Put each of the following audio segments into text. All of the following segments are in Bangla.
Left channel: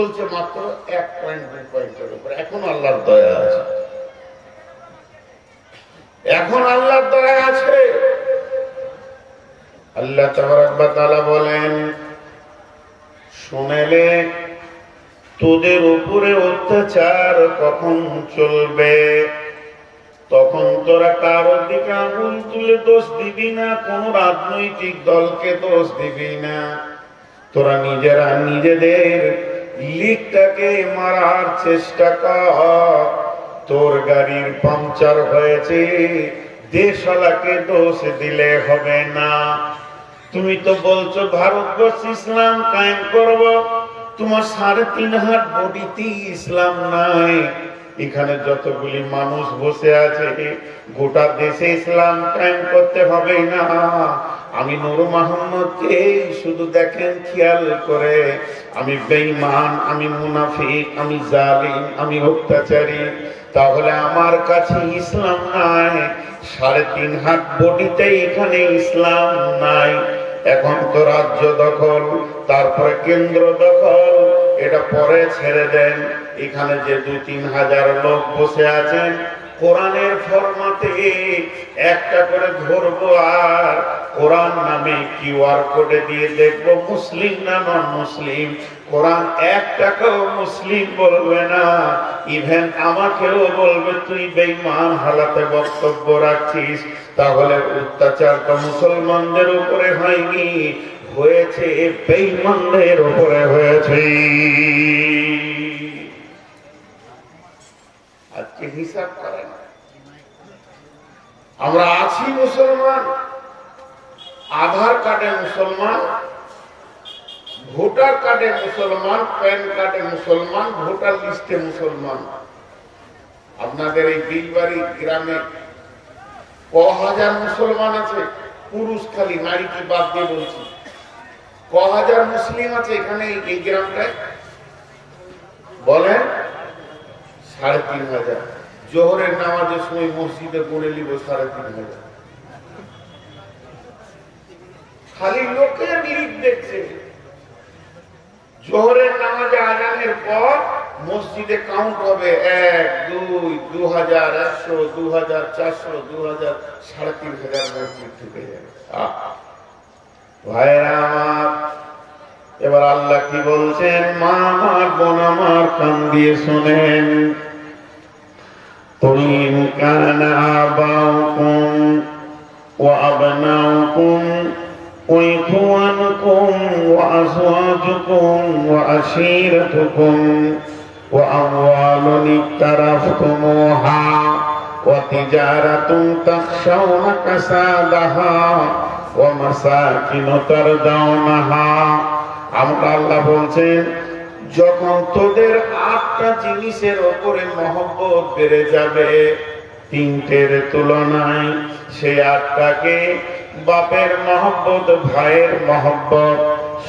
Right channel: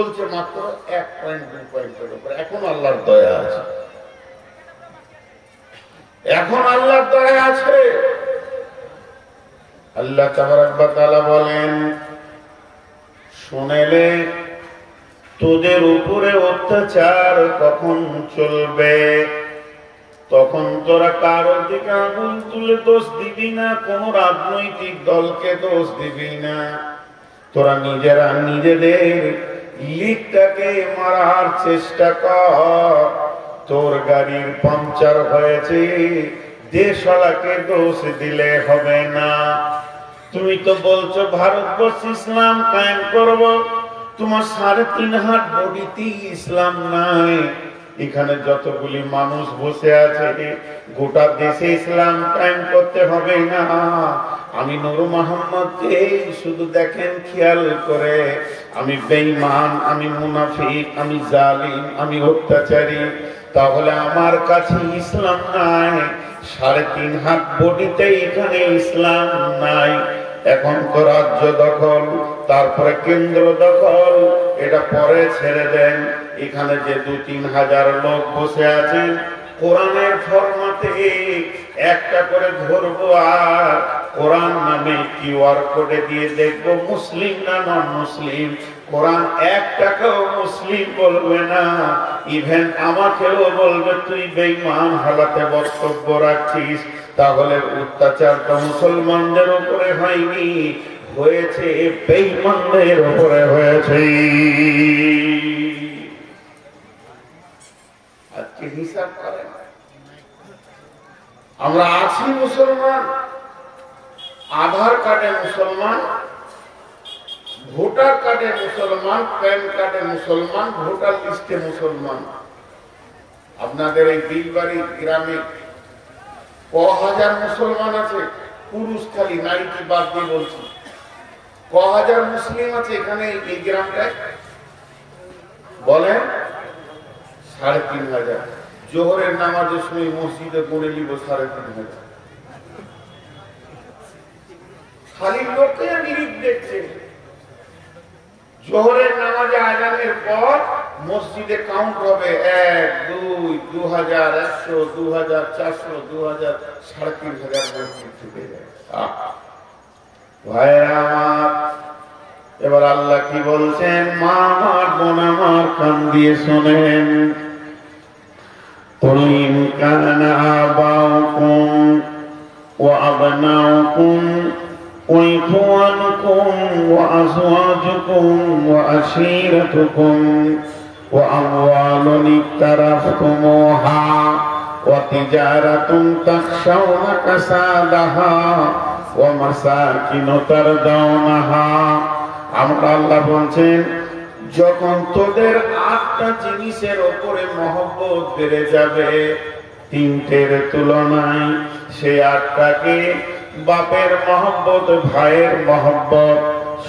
বলছে মাত্র 1 পয়েন্ট 2 পয়েন্টের উপর। এখন আল্লাহর দয়া আছে, এখন আল্লাহর দয়া আছে। আল্লাহ তাবারক ওয়া তাআলা বলেন, শুনেলে তোদের উপরে অত্যাচার কখন চলবে, তখন তোরা কারোর দিকে আঙুল তুলে দোষ দিবি না, কোন রাজনৈতিক দলকে দোষ দিবি না। তোরা নিজেরা নিজেদের লিকটাকে মারার চেষ্টা কর। তোর গাড়ির পাংচার হয়েছে, দেশওয়ালাকে দোষ দিলে হবে না। তুমি তো বলছো ভারতবর্ষ ইসলাম কায়েম করব, তোমার 3.5 হাত বডিতে ইসলাম নাই। এখানে যতগুলি মানুষ বসে আছে, গোটা দেশে ইসলাম কায়েম করতে হবে না। আমি নূর মোহাম্মদকে শুধু দেখেন খেয়াল করে, আমি বেঈমান, আমি মুনাফিক, আমি জালিম, আমি অত্যাচারী, তাহলে আমার কাছে ইসলাম নাই। 3.5 হাত বডিতে এখানে ইসলাম নাই। এখন তো রাজ্য দখল, তারপরে কেন্দ্র দখল, এটা পরে ছেড়ে দেন। এখানে যে 2-3 হাজার লোক বসে আছেন, কোরআনের ফরমাতে একটা করে ধরবো, আর কোরআন নামে কিউআর কোডে দিয়ে দেখবো মুসলিম না নন মুসলিম। কোরআন একটাকেও মুসলিম বলবে না, ইভেন আমাকেও বলবে তুই বেঈমান হালাতে বক্তব্য রাখিস। তাহলে অত্যাচারটা মুসলমানদের উপরে হয়নি, হয়েছে বেঈমানদের উপরে হয়েছে। আজকে হিসাব করেন, আমরা আছি মুসলমান, আধার কার্ডে মুসলমান, ভোটার কার্ডে মুসলমান, প্যান কার্ডে মুসলমান, ভোটার লিস্টে মুসলমান। আপনাদের এই বিলবাড়ি গ্রামে ক-হাজার মুসলমান আছে? পুরুষ খালি, নারীকে বাদ দিয়ে বলছি। ক-হাজার মুসলিম আছে এখানে এই গ্রামটায়? বলেন। 3,500। জোহরের নামাজের সময় মসজিদে পড়ে নিব 3,500। খালি লোকে নিরিখ দেখছে। জোহরের নামাজে আজানের পর মসজিদে কাউন্ট হবে 1, 2, 2,100, 2,400, 2,000, 3,500 মসজিদ ঢুকে যায়। ভাইরা আমার, এবার আল্লাহ কি বলছেন? মা আমার, বোন আমার, কান দিয়ে শোনেন। قل إن كان آباؤكم وأبناؤكم وإخوانكم وأزواجكم وعشيرتكم وأموال اقترفتموها وتجارة تخشون كسادها ومساكن ترضونها। আমরা আল্লাহ বলছেন, যখন তোদের 8টা জিনিসের ওপরে মহব্বত বেড়ে যাবে 3টের তুলনায়, সেই 8টাকে বাপের মহব্বত, ভাইয়ের মহব্বত,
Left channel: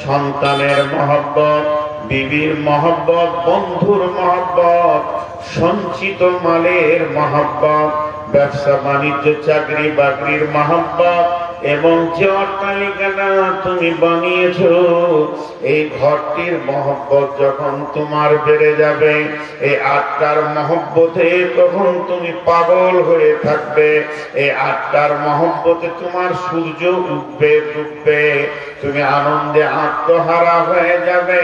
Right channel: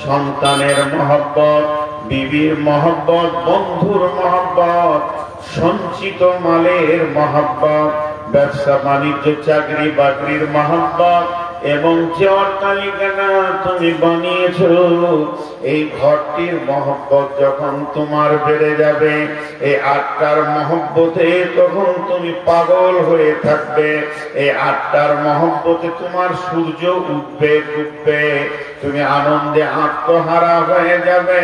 সন্তানের মহব্বত, বিবির মহব্বত, বন্ধুর মহব্বত, সঞ্চিত মালের মহব্বত, ব্যবসা বাণিজ্য চাকরি বাকরির মহব্বত, এবং যে অট্টালিকাটা তুমি বানিয়েছ এই ঘরটির মহব্বত যখন তোমার বেড়ে যাবে, এই 8টার মহব্বতে তখন তুমি পাগল হয়ে থাকবে। এই 8টার মহব্বতে তোমার সূর্য উঠবে ডুববে, তুমি আনন্দে আত্মহারা হয়ে যাবে।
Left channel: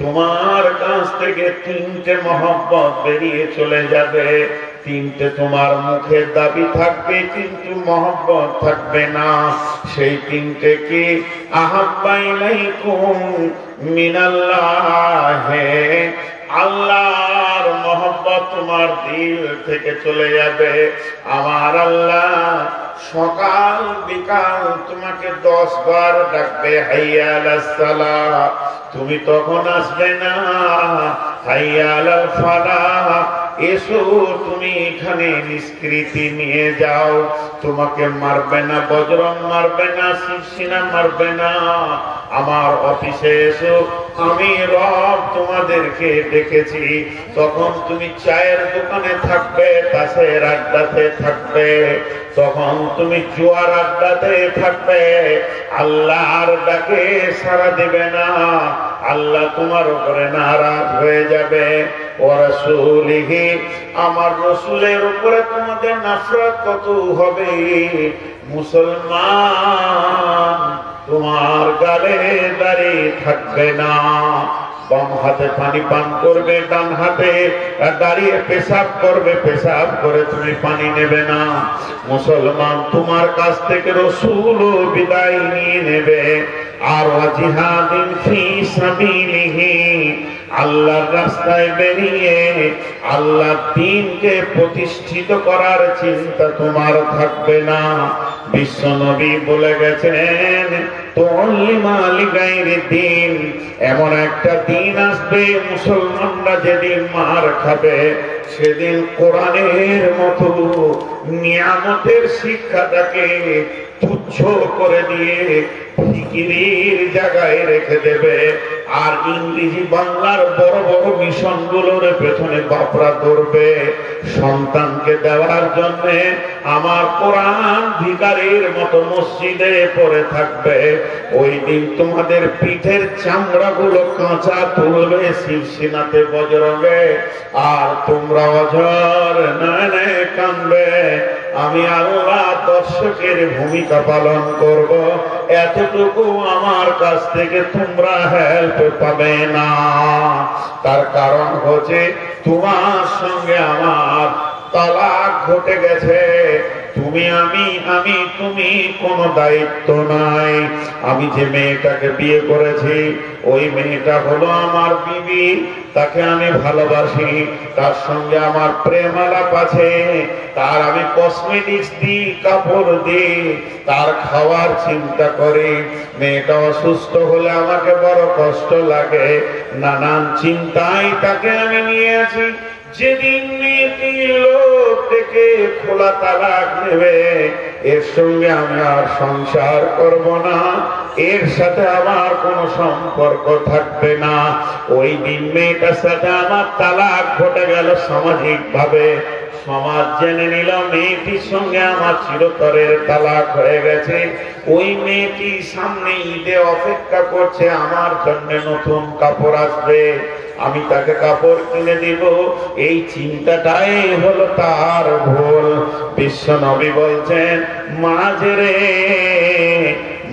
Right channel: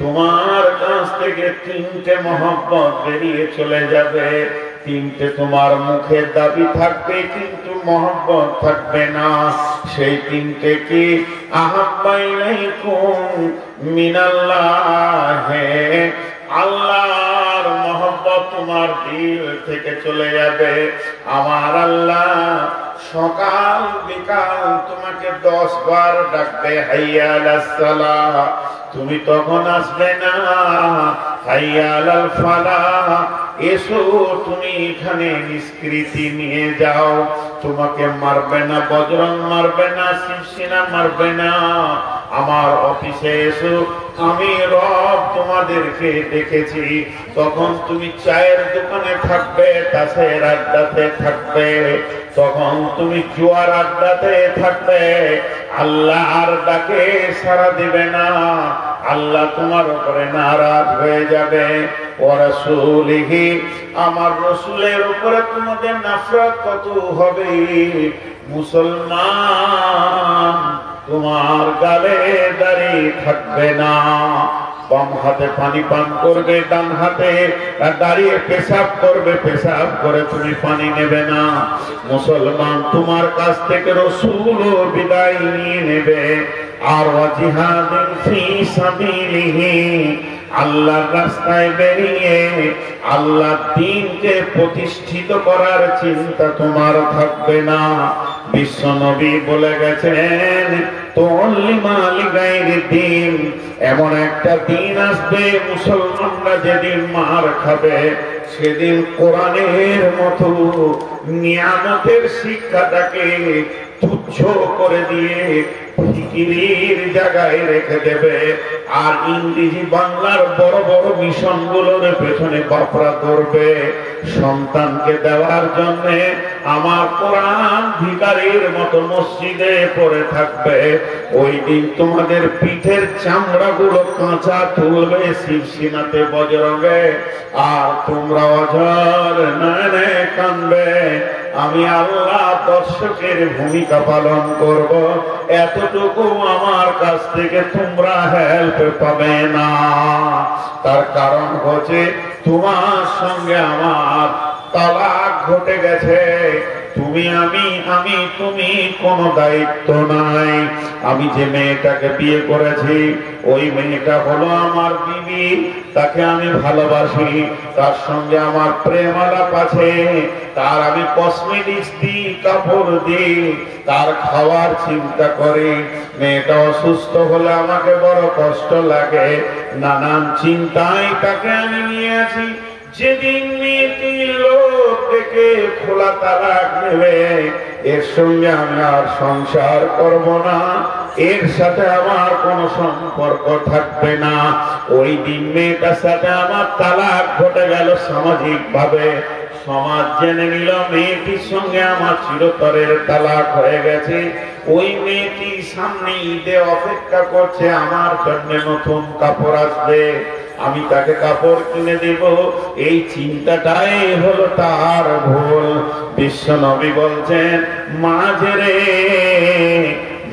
তোমার কাছ থেকে 3টে মহব্বত বেরিয়ে চলে যাবে। 3টে তোমার মুখের দাবি থাকবে, কিন্তু মহব্বত থাকবে না। সেই 3টে কি? আহাব্বা ইলাইকুম মিনাল্লাহ, আল্লাহর মহব্বত তোমার দিল থেকে চলে যাবে। আমার আল্লাহ সকাল বিকাল তোমাকে 10 বার ডাকবে, হাইয়া আলাস সালাহ, তুমি তখন আসবে না। হাইয়া আলাল ফালাহ, এসো তুমি এখানে নিষ্কৃতি নিয়ে যাও। তোমাকে মারবে না, বজরং মারবে না, শিবসেনা মারবে না। আমার অফিসে এসো, আমি রব তোমাদেরকে ডেকেছি, তখন তুমি চায়ের দোকানে থাকবে, তাসের আড্ডাতে থাকবে, তখন তুমি জুয়ার আড্ডাতে থাকবে, আল্লাহর ডাকে সাড়া দেবে না, আল্লাহ তোমার উপরে নারাজ হয়ে যাবে। ওয়া রাসূলিহি, আমার রসুলের উপরে তোমাদের নফরত কত হবে। মুসলমান তোমার গালে দাঁড়িয়ে থাকবে না, বাম হাতে পানি পান করবে, ডান হাতে দাঁড়িয়ে পেশাব করবে, পেশাব করে তুমি পানি নেবে না। মুসলমান তোমার কাছ থেকে রসুল বিদায় নিয়ে নেবে। আর ওয়াজিহাদিন ফি সাবিলিহি, আল্লাহর রাস্তায় বেরিয়ে আল্লাহর দ্বীনকে প্রতিষ্ঠিত করার চিন্তা তোমার থাকবে না। বিশ্ব নবী বলে গেছেন, তুল্লিমা লিগাইরিদ দ্বীন, এমন একটা দিন আসবে মুসলমানরা যেদিন মার খাবে, সেদিন কোরআনের মতো নিয়ামতের শিক্ষাটাকে তুচ্ছ করে দিয়ে ফিকিরির জায়গায় রেখে দেবে। আর ইংরেজি বাংলার বড় বড় মিশনগুলোর পেছনে বাপরা ধরবে সন্তানকে দেওয়ার জন্য। আমার কোরআন ভিখারির মতো মসজিদে পড়ে থাকবে। ওই দিন তোমাদের পিঠের চামড়াগুলো কাঁচা তুলবে শিরশিনাতে বজরঙ্গে, আর তোমরা অঝর নয়নে কাঁদবে। আমি আল্লাহ দর্শকের ভূমিকা পালন করব, এতটুকু আমার কাছ থেকে তোমরা হেল্প পাবে না। তার কারণ হচ্ছে তোমার সঙ্গে আমার তালাক ঘটে গেছে। তুমি তুমি কোনো দায়িত্ব নাই। আমি যে মেয়েটাকে বিয়ে করেছি, ওই মেয়েটা হলো আমার বিবি, তাকে আমি ভালোবাসি, তার সঙ্গে আমার প্রেম আলাপ আছে, তার আমি কসমেটিক্স দিই, কাপড় দিই, তার খাওয়ার চিন্তা করি। মেয়েটা অসুস্থ হলে আমাকে বড় কষ্ট লাগে, নানান চিন্তায় তাকে আমি নিয়ে আছি। যেদিন মেয়েটি লোক থেকে খোলা তালাক নেবে, এর সঙ্গে আমি আর সংসার করব না, এর সাথে আমার কোনো সম্পর্ক থাকবে না। ওই দিন মেয়েটার সাথে আমার তালাক ঘটে গেল সামাজিক ভাবে। সমাজ জেনে নিল মেয়েটির সঙ্গে আমার চিরতরের তালাক হয়ে গেছে। ওই মেয়েটি সামনে ঈদে অপেক্ষা করছে, আমার জন্য নতুন কাপড় আসবে, আমি তাকে কাপড় কিনে দিব। এই চিন্তাটাই হলো তার ভুল। বিশ্ব নবী বলছেন, মাঝে রে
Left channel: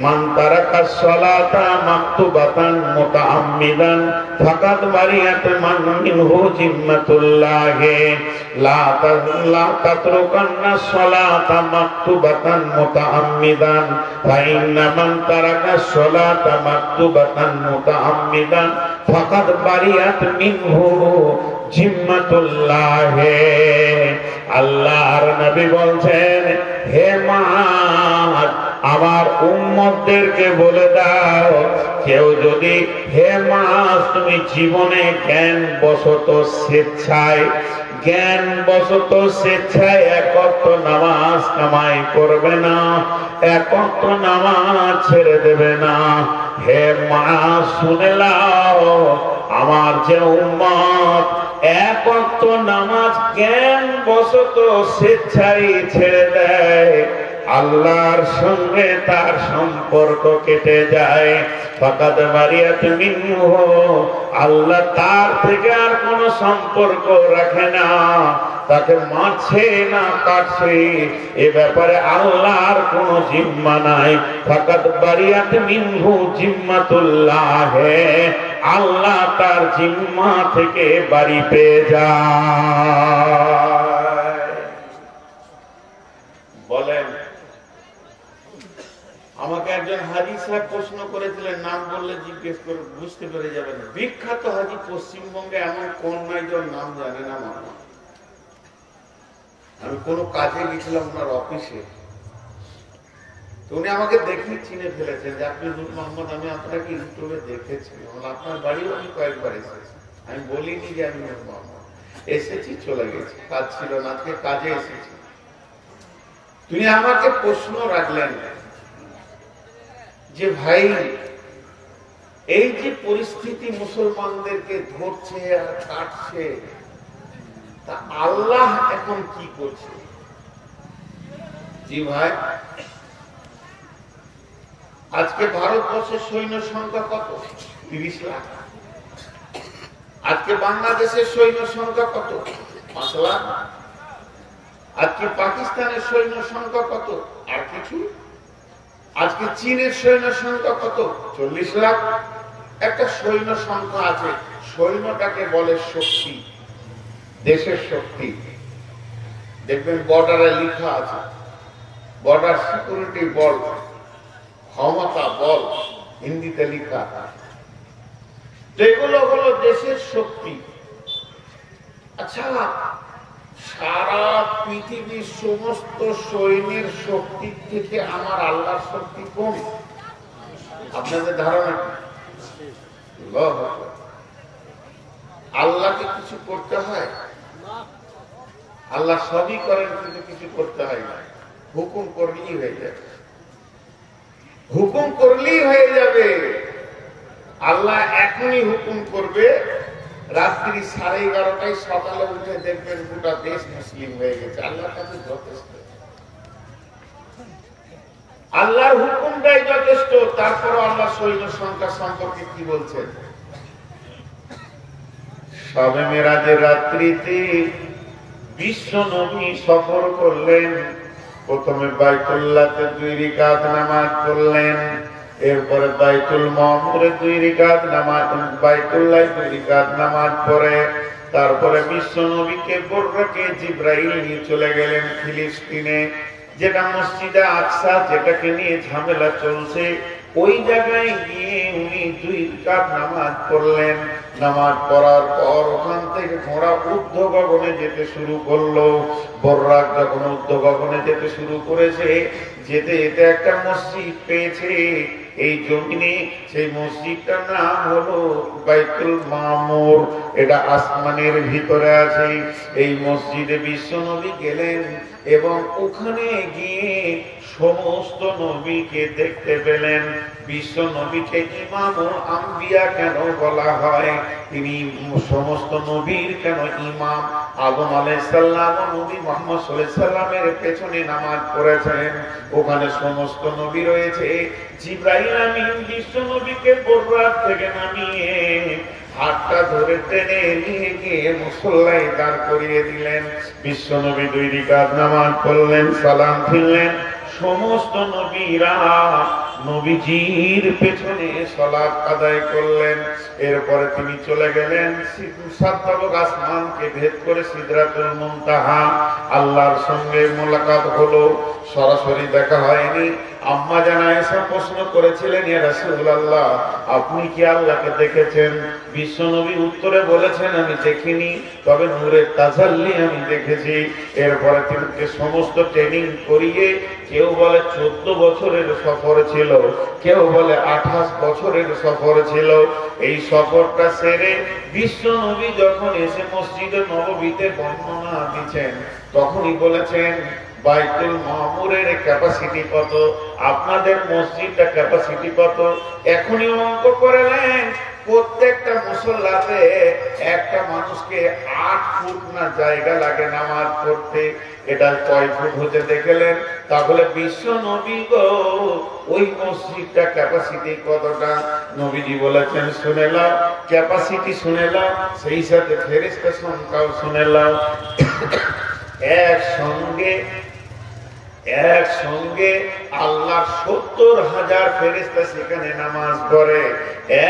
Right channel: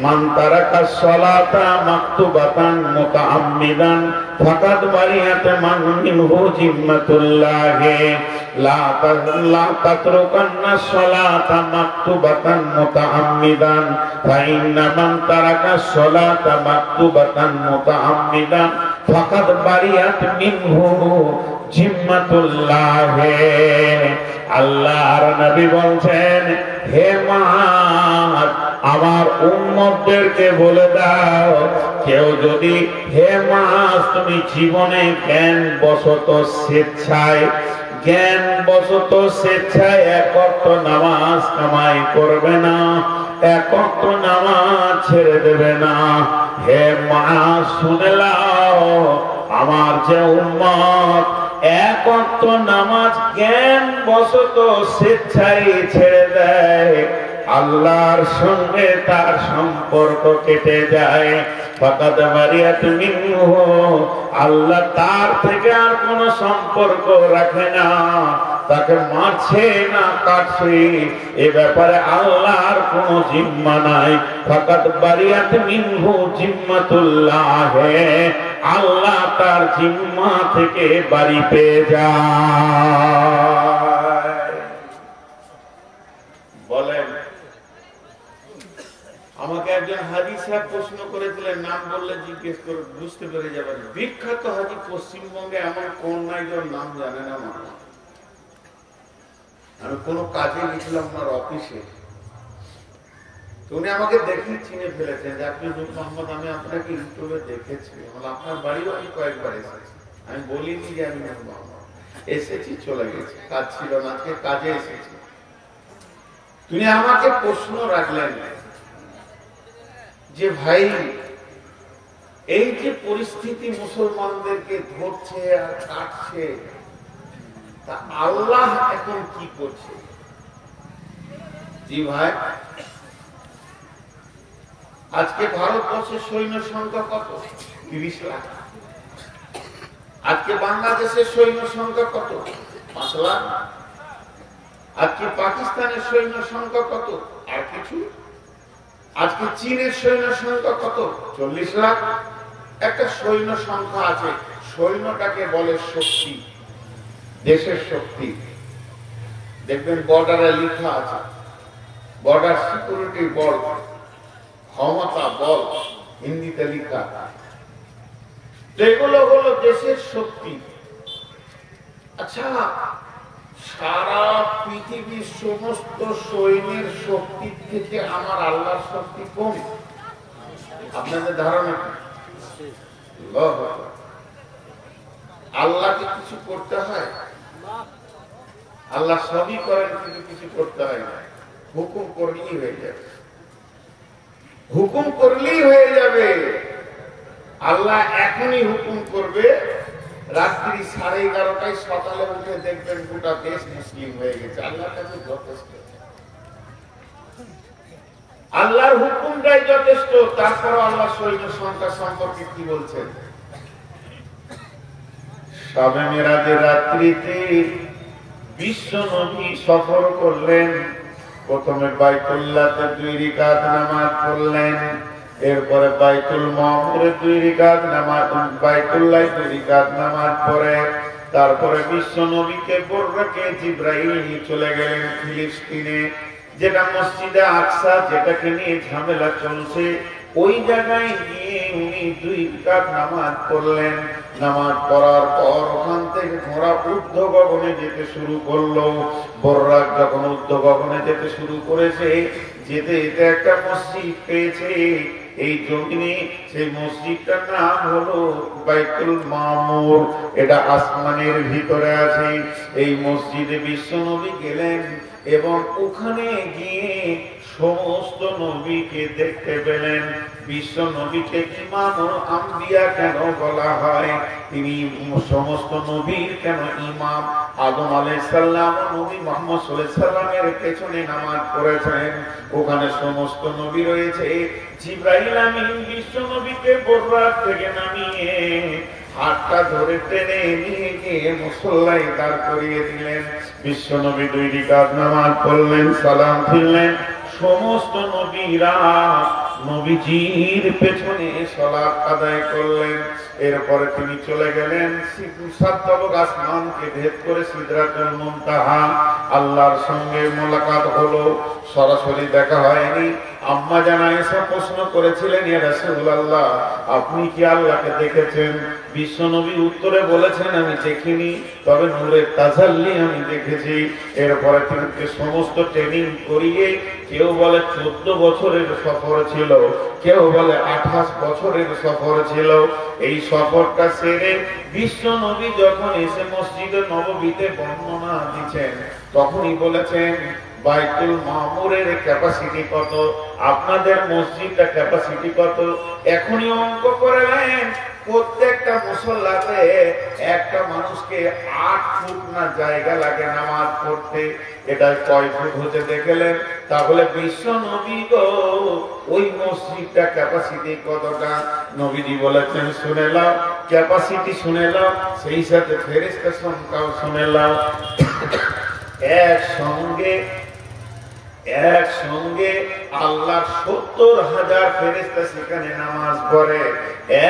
মান তারাকা সালাতা মাকতুবাতান মুতাআম্মিদান ফাকাদ বারিয়াত মান মিনহু জিম্মাতুল্লাহ লা তাতরুকান্না সালাতা মাকতুবাতান মুতাআম্মিদান ফা ইন্না মান তারাকা সালাতা মাকতুবাতান মুতাআম্মিদান ফাকাদ বারিয়াত মিনহু জিম্মাতুল্লাহ। আল্লাহর নবী বলছেন, হে মুহাম্মদ, আমার উম্মতদেরকে বলে দাও, কেউ যদি, হে মুহাম্মদ, তুমি জীবনে জ্ঞান বশত স্বেচ্ছায় এক ওয়াক্ত নামাজ কামাই করবে না, এক ওয়াক্ত নামাজ ছেড়ে দেবে না। হে মুহাম্মদ, শুনে নাও, আমার যে উম্মত এক ওয়াক্ত নামাজ জ্ঞান বশত স্বেচ্ছায় ছেড়ে দেয়, আল্লাহর সঙ্গে তার সম্পর্ক কেটে যায়। ফাকাদ বারিয়াত মিনহু, আল্লাহ তার থেকে আর কোন সম্পর্ক রাখে না, তাকে মারছে না কাটছে, এ ব্যাপারে আল্লাহর কোন জিম্মা নাই। ফাকাদ বারিয়াত মিনহু জিম্মাতুল্লাহ, আল্লাহ তার জিম্মা থেকে বাড়ি পেয়ে যায়। বলেন, আমাকে একজন হাজী সাহেব প্রশ্ন করেছিলেন, নাম বললে জিজ্ঞেস করে বুঝতে পেরে যাবেন। বিখ্যাত হাজী পশ্চিমবঙ্গে এমন কোন নাই যার নাম জানে না মানুষ। আমি কোনো কাজে লিখলাম ওনার অফিসে, তো উনি আমাকে দেখি চিনে ফেলেছেন যে আপনি নূর মোহাম্মদ, আমি আপনাকে ইউটিউবে দেখেছি, আপনার বাড়িও আমি কয়েকবার এসেছি। আমি বলিনি যে আমি নূর মোহাম্মদ, এসেছি চলে গেছি, কাজ ছিল না, আজকে কাজে এসেছি। তিনি আমাকে প্রশ্ন রাখলেন যে ভাই, এই যে পরিস্থিতি মুসলমানদেরকে ধরছে আর কাটছে, তা আল্লাহ এখন কি করছে? জি ভাই, আজকে ভারতবর্ষের সৈন্য সংখ্যা কত? 30 লাখ। আজকে বাংলাদেশের সৈন্য সংখ্যা কত? 5 লাখ। আজকে পাকিস্তানের সৈন্য সংখ্যা কত? আর কিছু। আজকে চীনের সৈন্য সংখ্যা কত? 40 লাখ। একটা সৈন্য সংখ্যা আছে, সৈন্যটাকে বলে শক্তি, দেশের শক্তি। দেখবেন বর্ডারে লেখা আছে বর্ডার সিকিউরিটি বল, ক্ষমতা বল, হিন্দিতে লেখা। এগুলো হলো দেশের শক্তি। আচ্ছা, সারা পৃথিবীর সমস্ত সৈন্যের শক্তির থেকে আমার আল্লাহর শক্তি কম? আপনাদের ধারণা কি? আল্লাহকে কিছু করতে হয়? আল্লাহ সবই করেন, কিন্তু কিছু করতে হয় না। হুকুম করলেই হয়ে যাবে, হুকুম করলেই হয়ে যাবে। আল্লাহ এখনই হুকুম করবে, রাত্রি 11:30টায় সকালে উঠে দেখবেন গোটা দেশ মুসলিম হয়ে গেছে। আল্লাহর কাছে যথেষ্ট, আল্লাহর হুকুমটাই যথেষ্ট। তারপর আল্লাহ সৈন্য সংখ্যা সম্পর্কে কি বলছেন? শবে মেরাজের রাত্রিতে বিশ্ব নবী সফর করলেন। প্রথমে বাইতুল্লাহতে 2 রাকাত নামাজ পড়লেন, এরপরে বাইতুল মামুরে 2 রাকাত নামাজ, বাইতুল্লাহ 2 রাকাত নামাজ পড়ে তারপরে বিশ্ব নবীকে বর্রাকে জিবরাইল নিয়ে চলে গেলেন ফিলিস্তিনে, যেটা মসজিদে আকসা, যেটাকে নিয়ে ঝামেলা চলছে। ওই জায়গায় গিয়ে উনি 2 রাকাত নামাজ পড়লেন। নামাজ পড়ার পর ওখান থেকে ঘোড়া ঊর্ধ্ব গগনে যেতে শুরু করলো। বর্রাক যখন ঊর্ধ্ব গগনে যেতে শুরু করেছে, যেতে যেতে একটা মসজিদ পেয়েছে এই জমিনে। সেই মসজিদটার নাম হলো বাইতুল মামুর। এটা আসমানের ভিতরে আছে। এই মসজিদে বিশ্ব নবী গেলেন এবং ওখানে গিয়ে সমস্ত নবীকে দেখতে পেলেন। বিশ্ব নবীকে ইমামুল আম্বিয়া কেন বলা হয়? তিনি সমস্ত নবীর কেন ইমাম? আদম আলাইহিস সালাম ও নবী মুহাম্মদ সাল্লাল্লাহু আলাইহি সাল্লামের পেছনে নামাজ পড়েছেন, ওখানে সমস্ত নবী রয়েছে। জিবরাইল আমিন বিশ্ব নবীকে বর্রাক থেকে নামিয়ে হাতটা ধরে টেনে নিয়ে গিয়ে মুসল্লায় দাঁড় করিয়ে দিলেন। বিশ্ব নবী 2 রাকাত নামাজ পড়লেন, সালাম ফিরলেন। সমস্ত নবীরা নবীজির পেছনে সালাত আদায় করলেন। এরপরে তিনি চলে গেলেন 7 তবক আসমানকে ভেদ করে সিদরাতুল মুনতাহা। আল্লাহর সঙ্গে মোলাকাত হলো, সরাসরি দেখা হয়নি। আম্মা জান আয়েশা প্রশ্ন করেছিলেন, ইয়া রাসূলুল্লাহ, আপনি কি আল্লাহকে দেখেছেন? বিশ্বনবী উত্তরে বলেছেন, আমি দেখিনি, তবে নূরের তাজাল্লি আমি দেখেছি। এরপরে তিনি সমস্ত ট্রেনিং করিয়ে, কেউ বলে 14 বছরের সফর ছিল, কেউ বলে 28 বছরের সফর ছিল। এই সফরটা সেরে বিশ্ব নবী যখন এসে মসজিদে নববীতে বর্ণনা দিচ্ছেন, তখনই বলেছেন, বাইতুল মামুরের ক্যাপাসিটি কত, আপনাদের মসজিদটা ক্যাপাসিটি কত? এখনই অঙ্ক করে নেন। প্রত্যেকটা মুসল্লাতে একটা মানুষকে 8 ফুট না জায়গা লাগে নামাজ পড়তে। এটা কয় ফুট হতে দেখলেন? তাহলে বিশ্ব নবী গো, ওই মসজিদটা ক্যাপাসিটি কতটা? নবীজি বলেছেন, শুনে নাও, ক্যাপাসিটি শুনে নাও, সেই সাথে ফেরেশতা সংখ্যাও শুনে নাও। একসঙ্গে আল্লাহর 70,000 ফেরেশতা সেখানে নামাজ পড়ে।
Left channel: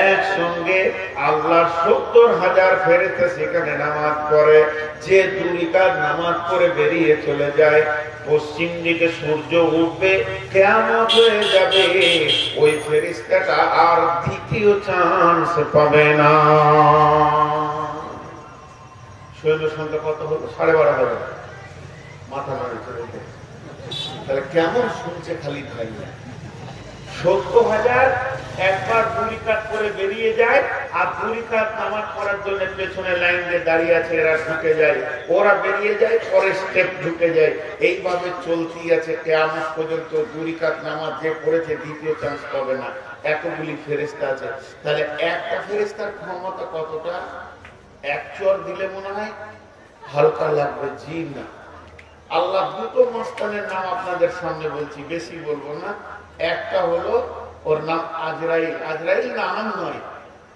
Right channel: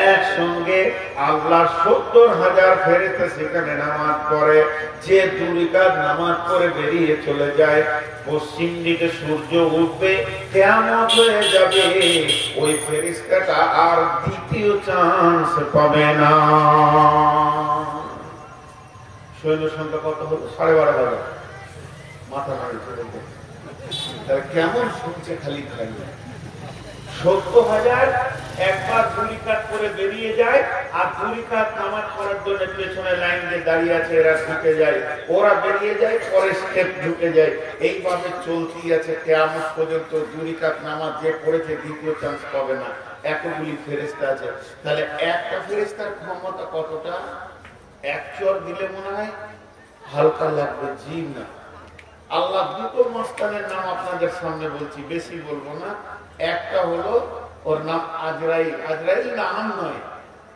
একসঙ্গে আল্লাহর 70,000 ফেরেশতা সেখানে নামাজ পড়ে। যে 2 রাকাত নামাজ পড়ে বেরিয়ে চলে যায়, পশ্চিম দিকে সূর্য উঠবে, কিয়ামত হয়ে যাবে, ওই ফেরেশতাটা আর দ্বিতীয় চান্স পাবে না। সৈন্য সংখ্যা কত হলো? 12,500। মাথা নাড়ি চলে যায়। তাহলে কেমন শুনছে খালি খালি? 70,000 একবার 2 রাকাত করে বেরিয়ে যায়, আর 2 রাকাত নামাজ পড়ার জন্য পেছনে লাইন দিয়ে দাঁড়িয়ে আছে, এরা ঢুকে যায়, ওরা বেরিয়ে যায়, পরে স্টেপ ঢুকে যায়। এইভাবে চলতেই আছে কিয়ামত পর্যন্ত। 2 রাকাত নামাজ যে পড়েছে দ্বিতীয় চান্স পাবে না। এতগুলি ফেরেশতা আছে, তাহলে একটা ফেরেশতার ক্ষমতা কতটা? এক চর দিলে মনে হয় হালকা লাগবে, জি না। আল্লাহ দুটো মাস্তানের নাম আপনাদের সামনে বলছি, বেশি বলবো না। একটা হলো ওর নাম আজরাইল। আজরাইল নাম নয়,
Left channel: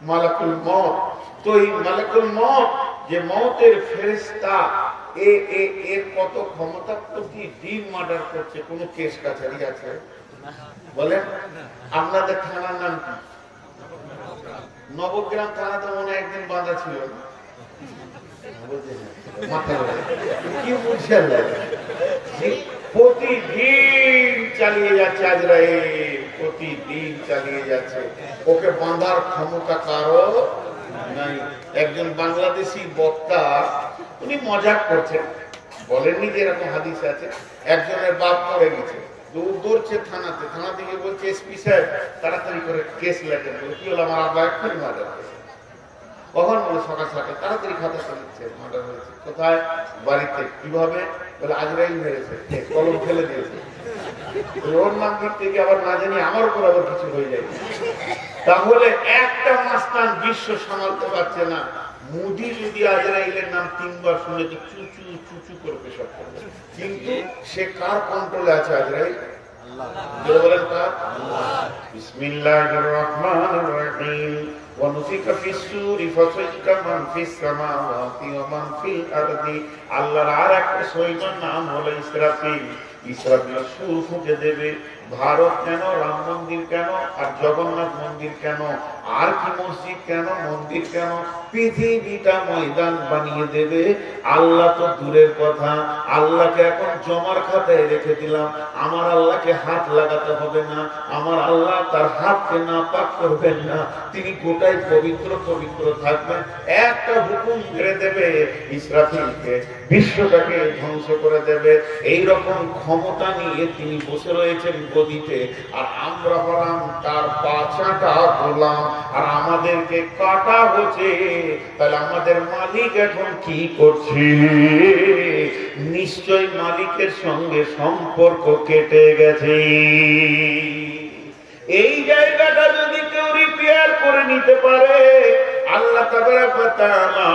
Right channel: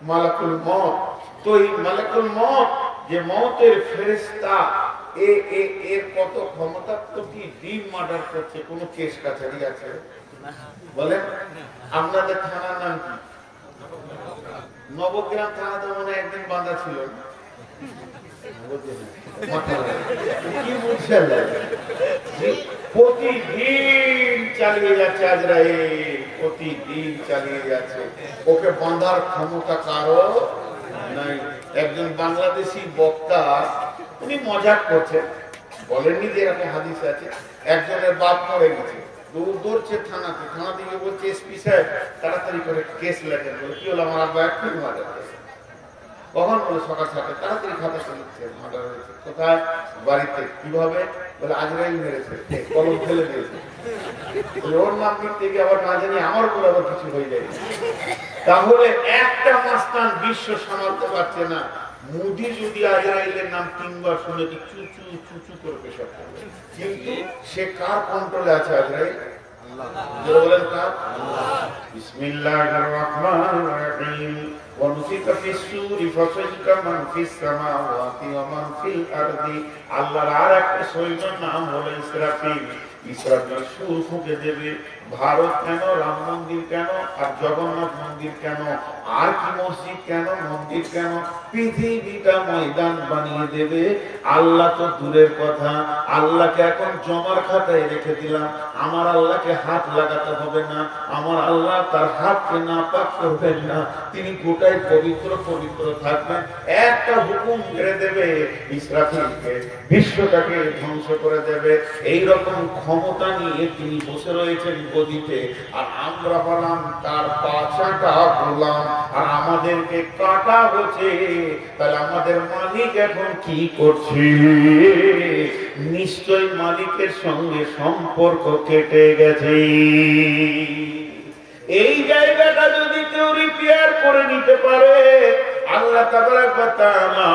মালাকুল মউত। তো এই মালাকুল মউত যে মউতের ফেরেশতা, এর কত ক্ষমতা, প্রতিদিন মার্ডার করছে। কোন কেস কাছারি আছে বলেন? আপনাদের থানার নাম কি? নবগ্রাম থানাতে মনে হয় একদিন বাঁধা ছিল না? কি বুঝছেন? প্রতিদিন চালিয়ে যাচ্ছে আজরাইল, প্রতিদিন চালিয়ে যাচ্ছে। ওকে বাঁধার ক্ষমতা কারো নাই। একজন বাংলাদেশি বক্তা, উনি মজাক করছেন, বলেননি যে এরকম হাদিস আছে, একজনের বাপ মরে গেছে, দৌড়ছে থানাতে, থানা থেকে বলছে এসপি সাহেব তাড়াতাড়ি করে কেস লেখেন। বলে কি হলো? আমার আব্বা এক্ষুনি মার্ডার হয়েছে। কখন? বলে সকাল 7টায়। তাড়াতাড়ি খাতা লিখছে, মার্ডার হয়েছে। কোথায়? বাড়িতে। কিভাবে? বলে আজরাইল মেরেছে, কলম ফেলে দিয়েছে। ওর নাম লিখতে গিয়ে আবার না জানি আমার উপর আবার কিছু হয়ে যায়। তাহলে একটা মাস্তান বিশ্ব সামালতে পারছে না। মোদি যদি আজরাইলের নাম 3 বার শুনে তো চুচু চুচু করে পেশাব করবে, কিন্তু সে কার কন্ট্রোলে আছে? আজরাইল আল্লাহ। বলেন কার? আল্লাহ। বিসমিল্লাহির রাহমানির রহিম। ونفخ في الصور فصعق من في السماوات ومن في الأرض। আল্লাহর আরেকটা সৈন্যের নাম হলো ইসরাফিল। ইসরাফিল সুর ফুঁকে দেবে। ভারত কেন, রাম মন্দির কেন, আর জগন্নাথ মন্দির কেন, আর কি মসজিদ কেন, মন্দির কেন, পৃথিবীটা ময়দান বানিয়ে দেবে। আল্লাহ তো দূরের কথা, আল্লাহকে এখন জমার খাতায় রেখে দিলাম। আমার আল্লাহকে হাত লাগাতে হবে না, আমার আল্লাহ তার হাতকে নাপাক করবেন না, তিনি গোটাই পবিত্র পবিত্র থাকবেন। একটা হুকুম ছেড়ে দেবে ইসরাফিলকে, বিশ্বটাকে ধ্বংস করে দেবে। এইরকম ক্ষমতা নিয়ে তিনি বসে রয়েছেন গদিতে, আর আমরা হলাম তার পাছাটা গোলাম, আর আমাদেরকে কাটা হচ্ছে। তাহলে আমাদের মালিক এখন কি করছে? নিশ্চয় মালিকের সঙ্গে সম্পর্ক কেটে গেছে। এই জায়গাটা যদি কেউ রিপেয়ার করে নিতে পারে, আল্লাহ তাবারাক ওয়া তাআলা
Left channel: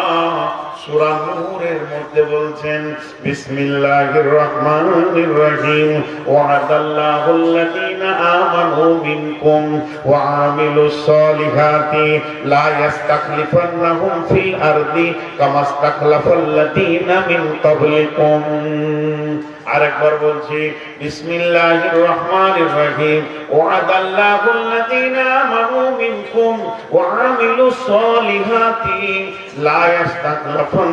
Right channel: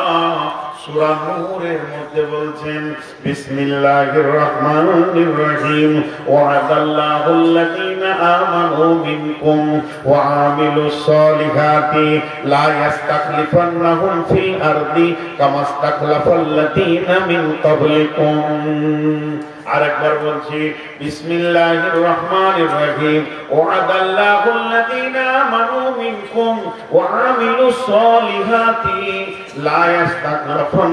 সূরা নূরের মধ্যে বলছেন, বিসমিল্লাহির রহমানির রহিম। ওয়াদাল্লাহুল লাযীনা আমানু মিনকুম ওয়া আমিলুস সালিহাতি লা ইস্তাখলিফান্নাহুম ফিল আরদি কামা ইস্তাখলাফাল লাযীনা মিন ক্বাবলিকুম। আরেকবার বলছি, বিসমিল্লাহির রহমানির রহিম। ওয়াদাল্লাহুল লাযীনা আমানু মিনকুম ওয়া আমিলুস সালিহাতি লা ইস্তাখলাফাল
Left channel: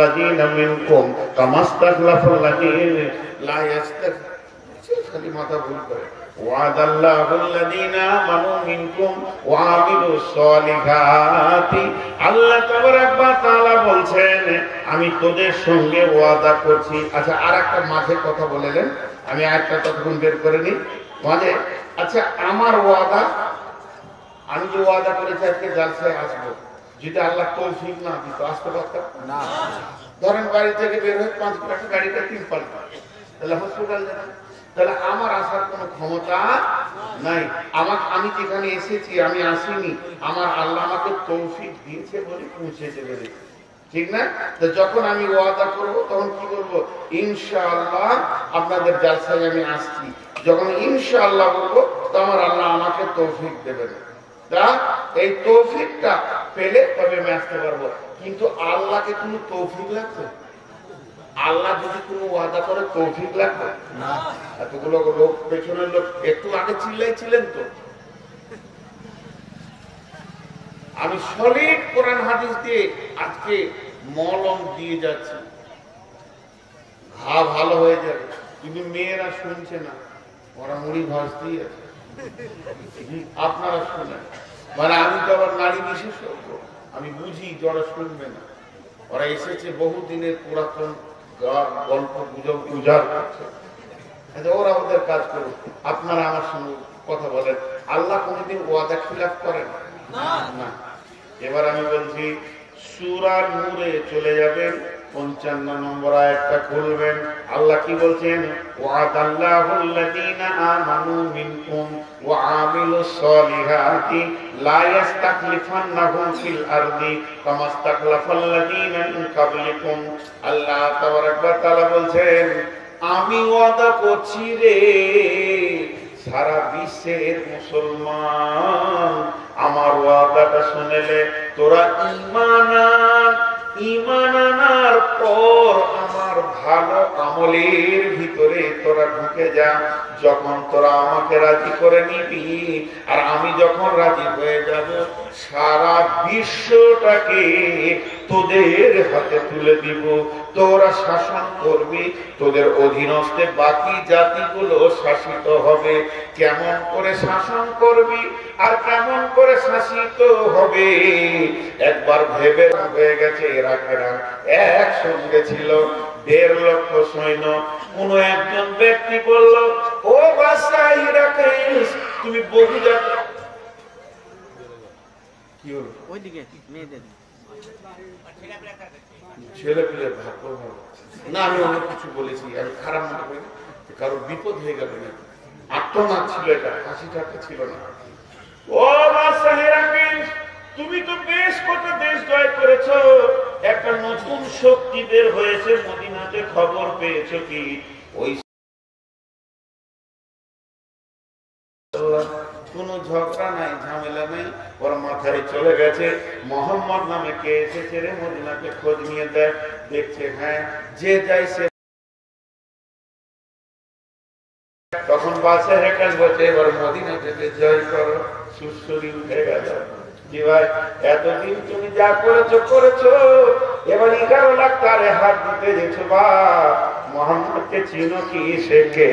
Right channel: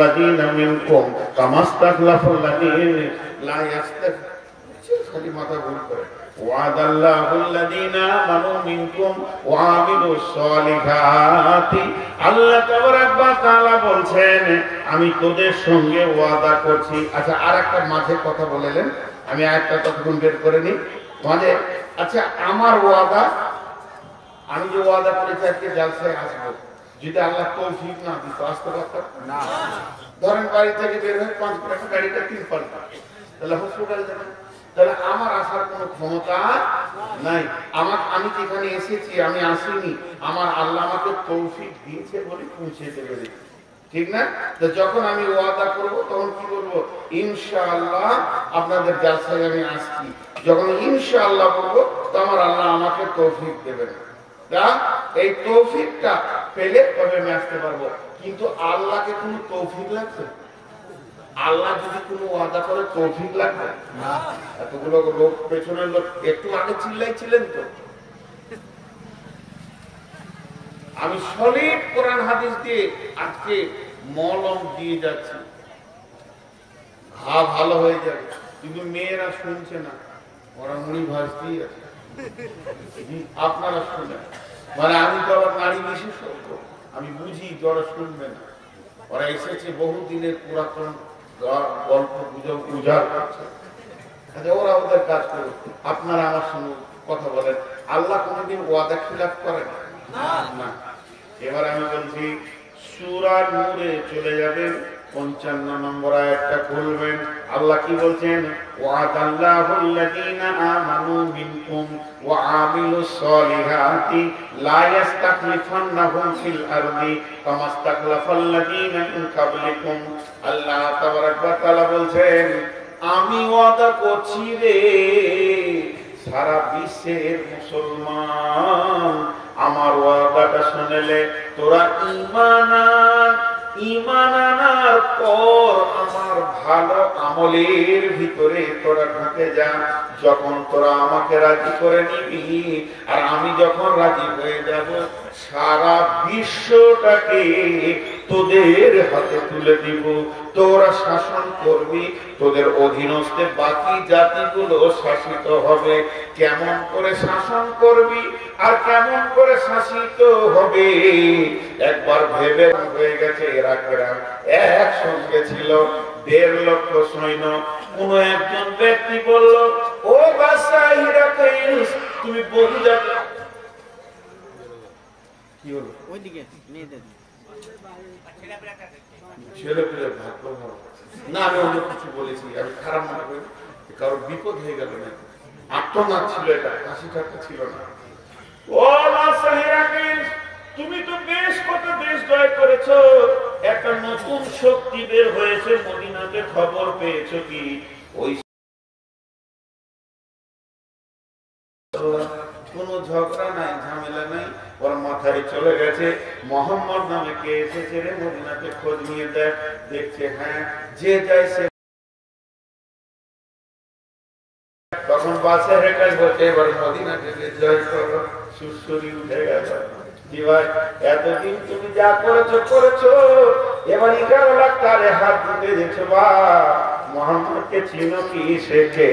লাযীনা মিনকুম কামা ইস্তাখলাফাল লাযীনা লা খালি মাথা ভুল করে। ওয়াদাল্লাহুল লাযীনা আমানু মিনকুম ওয়া আমিলুস সালিহাতি। আল্লাহ তাবারাক ওয়া তাআলা বলছেন, আমি তোদের সঙ্গে ওয়াদা করছি। আচ্ছা, আরেকটা মাঝে কথা বলেলেন, আমি আরেকটা ততক্ষণ বের করে নিই মাঝে। আচ্ছা, আমার ওয়াদা, আমি যে ওয়াদা করেছি আজকে জালসায় আসবো, যদি আল্লাহ তৌফিক না দিত আসতে পারতাম না। ধরেন বাড়ি থেকে বের হয়ে 5 টাকা গাড়িটা 3 পাল্টা, তাহলে হসপিটাল যাবেন। তাহলে আমার আসার কোনো ক্ষমতা নাই। আমি যেখানে এসেছি, আমি আসিনি, আমার আল্লাহ আমাকে তৌফিক দিয়েছে বলে পৌঁছে দেবে, ঠিক না? তো যখন আমি ওয়াদা করব তখন কি বলবো? ইনশাআল্লাহ আপনাদের জালসায় আমি আসছি। যখন ইনশাআল্লাহ বলবো, তো আমার আল্লাহ আমাকে তৌফিক দেবেন। তা এই তৌফিকটা পেলে তবে আমি আসতে পারবো। কিন্তু আল্লাহকে কোনো তৌফিক লাগছে? আল্লাহ যদি কোনো ওয়াদা করে তৌফিক লাগবে না? এতগুলো লোক, পেছনের লোক একটু আগে চিল্লাইছিলেন তো। আমি সলিড কোরআন হাদিস দিয়ে আজকে মলম দিয়ে যাচ্ছি, ঘা ভালো হয়ে যাবে। কিন্তু মেয়েরা শুনছে না, ওরা মুড়ি ভাজতেই আছে। আপনারা শুনেন, মানে আমি তো আবার নারী বিশেষজ্ঞ, আমি বুঝি যে ওরা শুনবে না। ওরা এসেছে বহুদিনের পুরাতন গল্প গুজব উজাড় করছে। ওরা ওদের কাজ করুক, আপনারা আমার সঙ্গে কথা বলেন। আল্লাহ কোনদিন ওয়াদা খিলাফ করেন না। এবার আমি বলছি, সূরা নূরে চলে যাবেন, 55 নম্বর আয়াতটা খুলবেন। আল্লাহ কি বলছেন? ওয়াদাল্লাহুল্লাযীনা আমানু মিনকুম ওয়া আমিলুস সলিহাতি লা ইস্তাখলিফান্নাহুম ফিল আরদি কামা ইস্তাখলাফাল্লাযীনা মিন ক্বাবলিকুম। আল্লাহ তাবারাক ওয়া তাআলা বলছেন, আমি ওয়াদা করছি রে সারা বিশ্বের মুসলমান, আমার ওয়াদাটা শুনলে তোরা ঈমান আনার পর আমার ভালো আমলের ভিতরে তোরা ঢুকে যা। যখন তোরা আমাকে রাজি করে নিবি আর আমি যখন রাজি হয়ে যাব, সারা বিশ্বটাকে তোদের হাতে তুলে দিব, তোরা শাসন করবি, তোদের অধীনস্থে বাকি জাতিগুলো শাসিত হবে। কেমন করে শাসন করবি আর কেমন করে শাসিত হবে একবার ভেবে হয়ে গেছে। ইরাকেরা একসঙ্গে ছিল 1.5 লক্ষ সৈন্য। কোন একজন ব্যক্তি বলল, ও বাদশাহ হিরাক্লিয়াস, তুমি বহু জাতি ছেলে পেলে ভাগ্য না, আমি অনেক কিছু বলেছি, আমি খারাপ মনে করি, কারো বিপদ হয়ে গেল না, আত্মনাদ ছিল, এটা হাসি ঠাট্টা ছিল না। ও বাদশাহ হিরাক্লিয়াস, তুমি তো বেশ কত দেশ জয় করেছো, একটা নতুন শক্তি বের হয়েছে মদিনাতে, খবর পেয়েছো কি? ওই কোন ঝগড়া নাই, ঝামেলা নাই, ওর মাথায় চলে গেছে মোহাম্মদ নামে কে এসেছে রে মদিনাতে, খোঁজ নিয়ে দেখ। দেখছে হ্যাঁ, যে যায় সে। তখন বাদশাহ হেরাক্লিয়াস বলছে, এবার মদিনা থেকে জয় করো। সুরসুরি উঠে গেল। কি ভাই, এতদিন তুমি যা করেছো করেছো, এবার 11 লাখ তারে হাত দিতে দিয়েছো। বা মোহাম্মদকে চিনো কি, শেখে,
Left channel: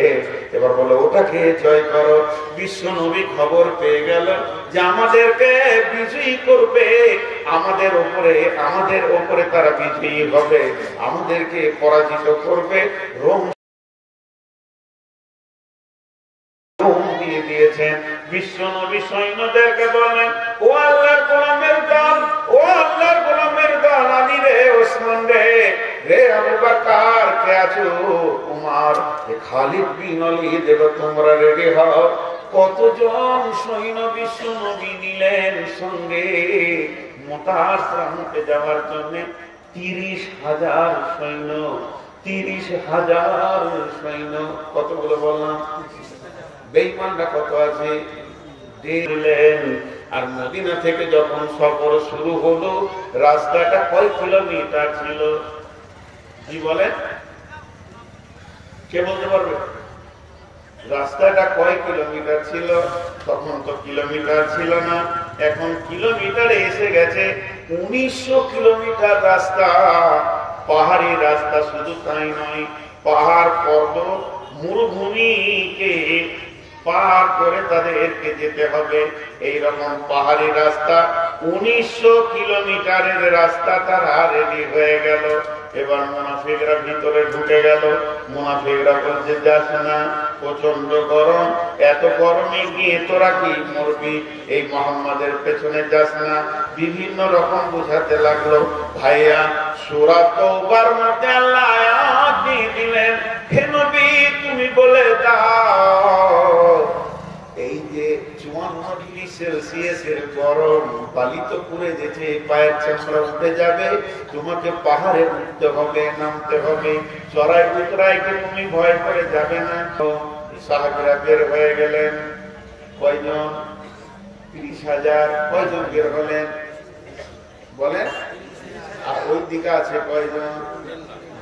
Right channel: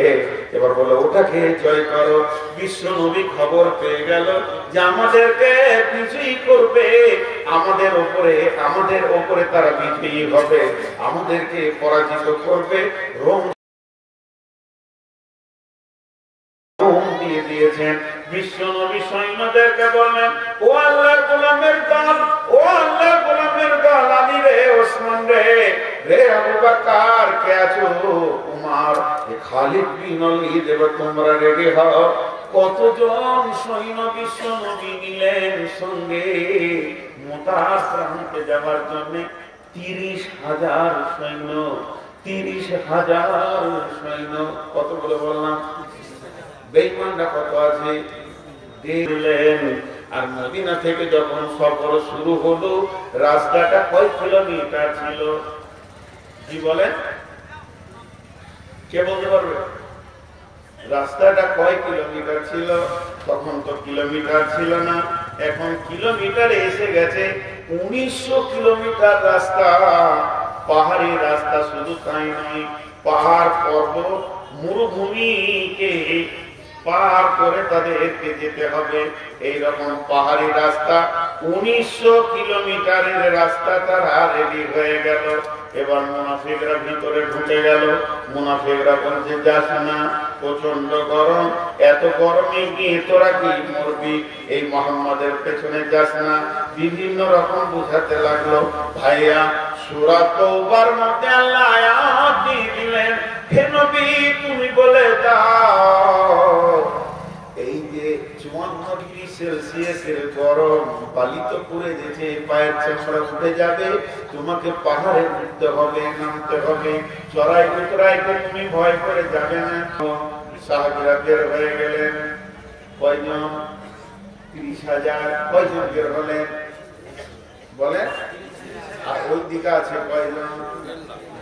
এবার বলো ওটাকে জয় করো। বিশ্ব নবী খবর পেয়ে গেল যে আমাদেরকে বিজয়ী করবে, আমাদের ওপরে তারা বিজয়ী হবে, আমাদেরকে পরাজিত করবে। রোম দিয়ে দিয়েছেন। বিশ্ব নবী সৈন্যদেরকে বলেন, ও আল্লাহর গোলামের দল, ও আল্লাহর গোলামের দল, আলী রে, ওসমান রে, রে আবু বকর, কে আছো? উমর, খালিদ বিন ওয়ালিদ, এবার তোমরা রেডি হও। কতজন সৈন্য বিশ্ব নবী নিলেন সঙ্গে মোতার প্রান্তে যাওয়ার জন্য? 30,000 সৈন্য। 30,000 সৈন্য। কতগুলো বললাম? বেঈমানরা কত আছে দিলেন। আর মদিনা থেকে যখন সফর শুরু হলো, রাস্তাটা কয় কিলোমিটার ছিল? কি বলেন, কে বলতে পারবে? রাস্তাটা কয় কিলোমিটার ছিল? তখন তো কিলোমিটার ছিল না, এখন কিলোমিটারে এসে গেছে 1900 কিলোমিটার রাস্তা। পাহাড়ি রাস্তা, শুধু তাই নয়, পাহাড় পর্বত মরুভূমিকে পার করে তাদেরকে যেতে হবে। এইরকম পাহাড়ি রাস্তা 1900 কিলোমিটারের রাস্তা তারা রেডি হয়ে গেল। এবার মুনাফিকরা ভিতরে ঢুকে গেল। মুনাফিকরা বলছে, যাস না, প্রচন্ড গরম, এত গরমে গিয়ে তোরা কি মরবি, এই মোহাম্মদের পেছনে যাস না। বিভিন্ন রকম বুঝাতে লাগলো। ভাইয়া, সূরা তাওবার মধ্যে আল্লাহ আয়াত দিয়ে দিলেন, হে নবী তুমি বলে দাও, এই যে 54 ডিগ্রি সেলসিয়াসের গরম, বালি তো পুড়ে যেতে, পায়ের চামড়া উঠে যাবে, তোমাকে পাহাড়ে উঠতে হবে, নামতে হবে, চড়াই উতরাইতে তুমি ভয় করে যাবে না। সাহাবীরা বের হয়ে গেলেন। কয়জন? 30,000। কয়জন বের হলেন বলেন? আর ওই দিকে আছে কয়জন?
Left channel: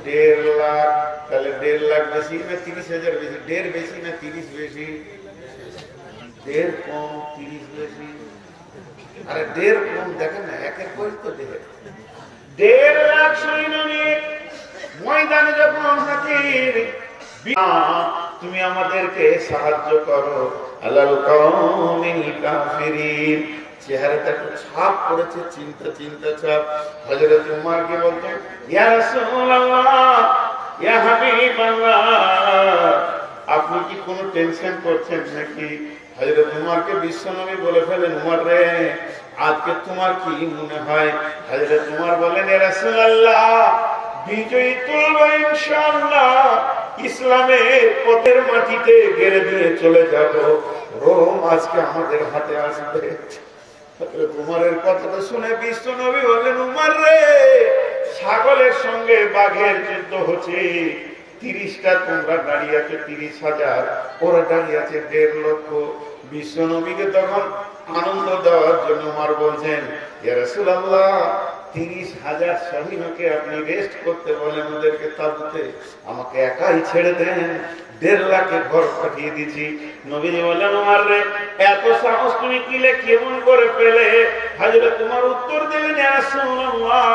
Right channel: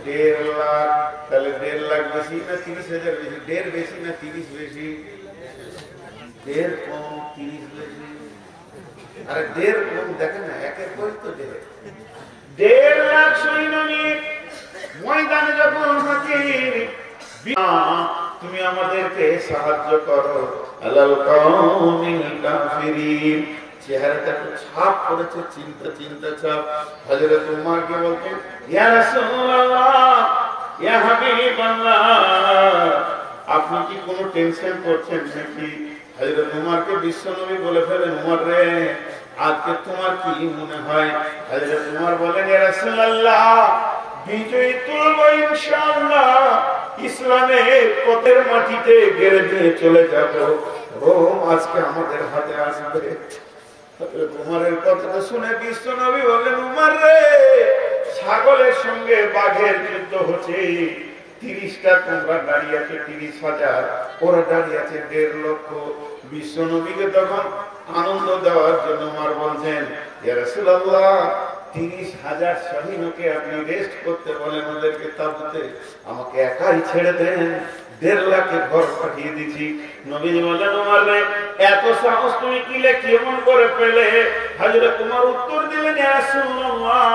1.5 লাখ। তাহলে 1.5 লাখ বেশি না 30,000 বেশি? 1.5 বেশি না 30 বেশি? 1.5 কম 30 বেশি। আরে 1.5 কম, দেখেন না, একের কই তো 1.5 লাখ সৈন্য নিয়ে ময়দানে যখন হাজির, তুমি আমাদেরকে সাহায্য করো। আলাল কাউমিল কাফিরিন, চেহারাটা একটু ছাপ করেছে, চিন্তা ছাপ। হযরত উমরকে বলতেন, ইয়া রাসূলুল্লাহ, ইয়া হাবিবাল্লাহ, আপনি কি কোনো টেনশন করছেন নাকি? হযরত উমরকে বিশ্বনবী বলে ফেলেন, উমর রে, আজকে তোমার কি মনে হয়? হযরত উমর বলেন, ইয়া রাসূলুল্লাহ, বিজয় তুলব ইনশাআল্লাহ, ইসলামের পথের মাটিতে গেড়ে দিয়ে চলে যাব, রোম আজকে আমাদের হাতে আসবে। হযরত উমরের কথাটা শুনে বিশ্বনবী বললেন, উমর রে, ছাগলের সঙ্গে বাঘের যুদ্ধ হচ্ছে, 30টা তোমরা দাঁড়িয়ে আছে 30,000, ওরা দাঁড়িয়ে আছে 1.5 লক্ষ। বিশ্বনবীকে তখন আনন্দ দেওয়ার জন্য উমর বলছেন, ইয়া রাসূলুল্লাহ, 30,000 সৈন্যকে আপনি রেস্ট করতে বলেন, ওদেরকে তাবুতে, আমাকে একাই ছেড়ে দেন, 1.5 লাখে ঘর পাঠিয়ে দিচ্ছি। নবীজি বললেন, উমর রে, এত সাহস তুমি কিলে কেমন করে পেলে? হযরত উমর উত্তর দিলেন, ইয়া রাসূলুল্লাহ,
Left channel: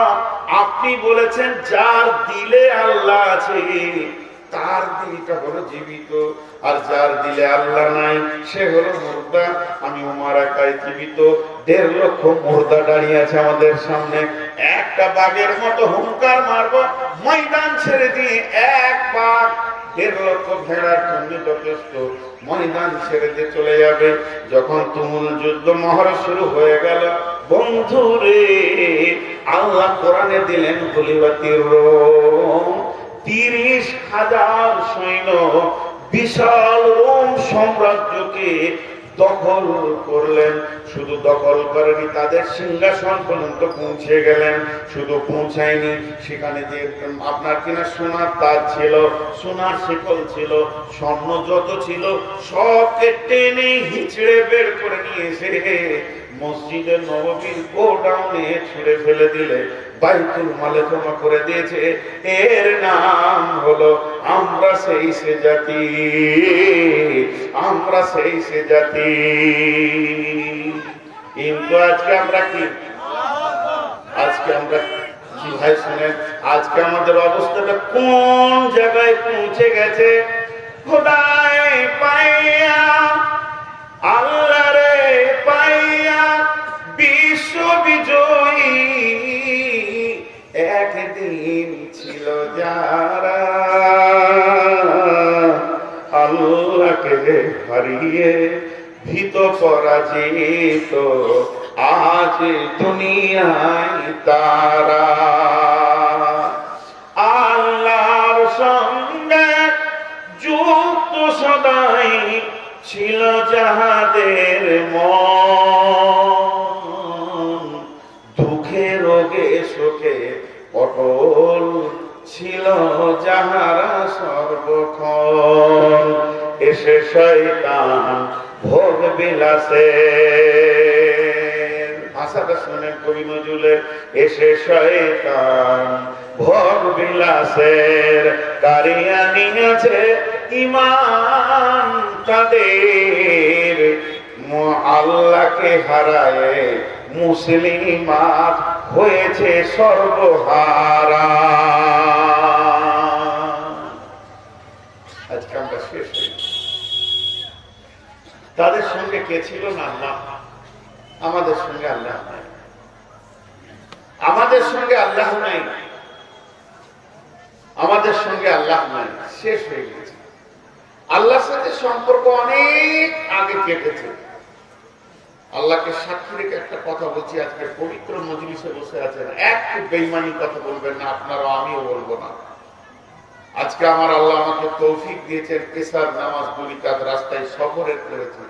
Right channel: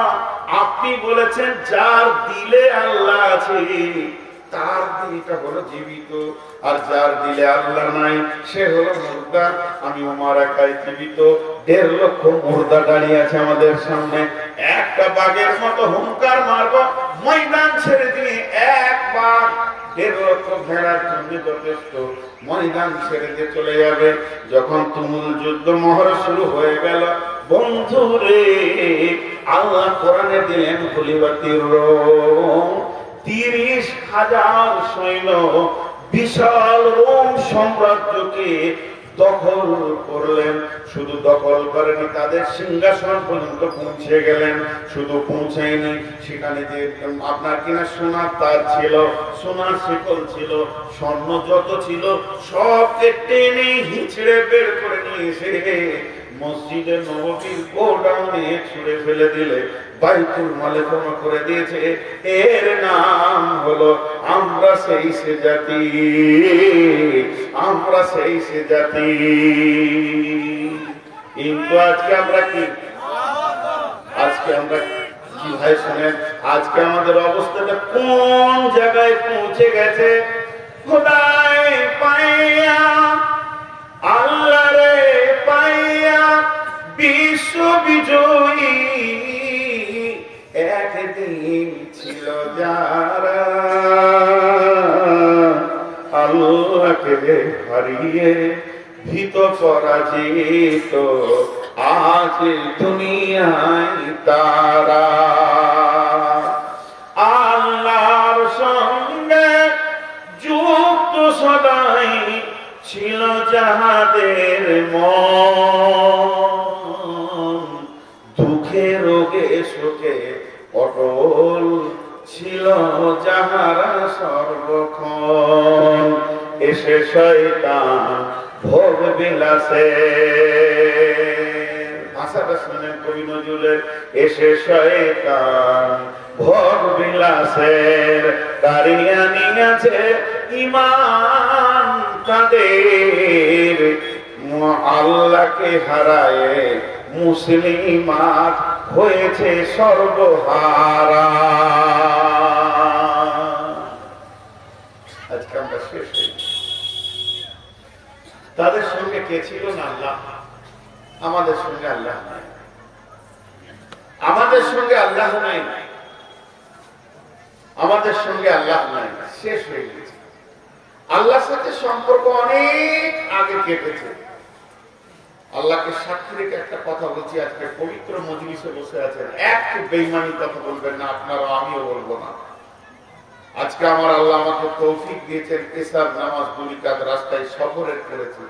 আপনি বলেছেন যার দিলে আল্লাহ আছে তার দিলটা হলো জীবিত, আর যার দিলে আল্লাহ নাই সে হলো মুর্দা। আমি উমর একাই জীবিত, 1.5 লক্ষ মুর্দা দাঁড়িয়ে আছে আমাদের সামনে, একটা বাঘের মতো হুঙ্কার মারবো, ময়দান ছেড়ে দিয়ে এক বাঘ 1.5 লক্ষ ভেড়ার জন্য যথেষ্ট, ময়দান ছেড়ে দিয়ে চলে যাবে। যখন তুমুল যুদ্ধ মহড়া শুরু হয়ে গেল, বন্ধু রে, আল্লাহ কোরআনে দিলেন খলিফাতুর রোম, 30,000 সৈন্য বিশাল রোম সাম্রাজ্যকে দখল করলেন। শুধু দখল করেনি, তাদের সিংহাসন পর্যন্ত পৌঁছে গেলেন। শুধু পৌঁছায়নি, সেখানে যে আপনার কিনা সোনার তার ছিল, সোনার শিকল ছিল, স্বর্ণ যত ছিল সবকে টেনে হিচড়ে বের করে নিয়ে এসে মসজিদের নববীর গোডাউনে ছুড়ে ফেলে দিলে, বাইতুল মালে জমা করে দিয়েছে। এর নাম হলো আমরা সেই সে জাতি, আমরা সেই সে জাতি। কিন্তু আজকে আমরা কি, আজকে আমরা কি ভাই শুনেন, আজকে আমাদের অবস্থাটা কোন জায়গায় পৌঁছে গেছে? খোদায় পাইয়া, আল্লাহ রে পাইয়া, বিশ্ব বিজয়ী একদিন ছিল যারা, আল্লাহকে হারিয়ে ভীত পরাজিত আজ দুনিয়ায় তারা। আল্লাহর সঙ্গে যুক্ত সদাই ছিল যাহাদের মন, দুঃখে রোগে শোকে অটল ছিল যাহারা সর্বক্ষণ। এসে শয়তান ভোগ বিলাসে, ভাষাটা শুনেন কবি নজরুলের, এসে শয়তান ভোগ বিলাসের কারিয়া নিয়েছে ঈমান তাদের, আল্লাহকে হারায় মুসলিমাত হয়েছে সর্বহারা। আজকে আমরা শেষ হয়েছি। তাদের সঙ্গে কে ছিল না? আল্লাহ। আমাদের সঙ্গে আল্লাহ নাই, আমাদের সঙ্গে আল্লাহ নাই, আমাদের সঙ্গে আল্লাহ নাই, শেষ হয়ে গেছে। আল্লাহর সাথে সম্পর্ক অনেক আগে কেটেছে। আল্লাহকে সাক্ষী রেখে একটা কথা বলছি, আজকে পবিত্র মজলিসে বসে আছেন, একটু বেঈমানি কথা বলবেন না, আপনারা, আমিও বলবো না। আজকে আমার আল্লাহ আমাকে তৌফিক দিয়েছেন, এশার নামাজ 2 রাকাত রাস্তায় সফরের করেছি।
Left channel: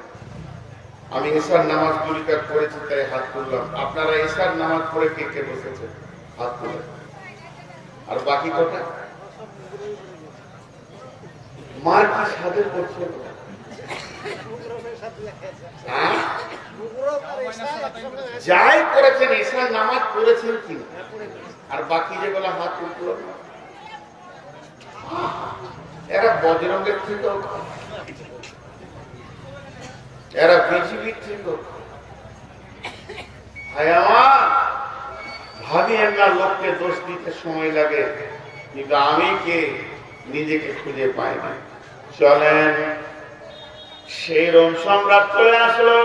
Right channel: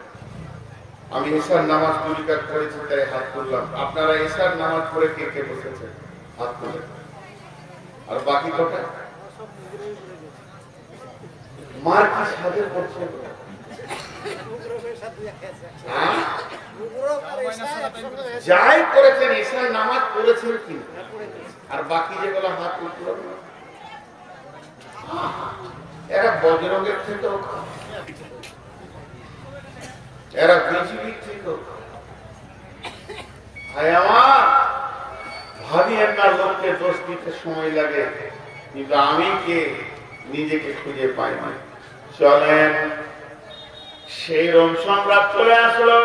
আমি এশার নামাজ 2 রাকাত করেছি, তাই হাত তুললাম। আপনারা এশার নামাজ পড়ে কে কে বসেছেন? হাত তুলে। আর বাকি কটা মার কি সাথে করছে? যাই করেছেন এশার নামাজ পড়েছেন কি? আর বাকি যেগুলো হাত তুলল, এরা বজরঙ্গের থেকেও, এরা বিজেপির থেকেও। আমার ভাবিয়েন না লোককে দোষ দিতে সময় লাগে, কিন্তু আমি কে নিজেকে খুঁজে পাই না। চলেন, সেই রোম সম্রাট চলে আসলো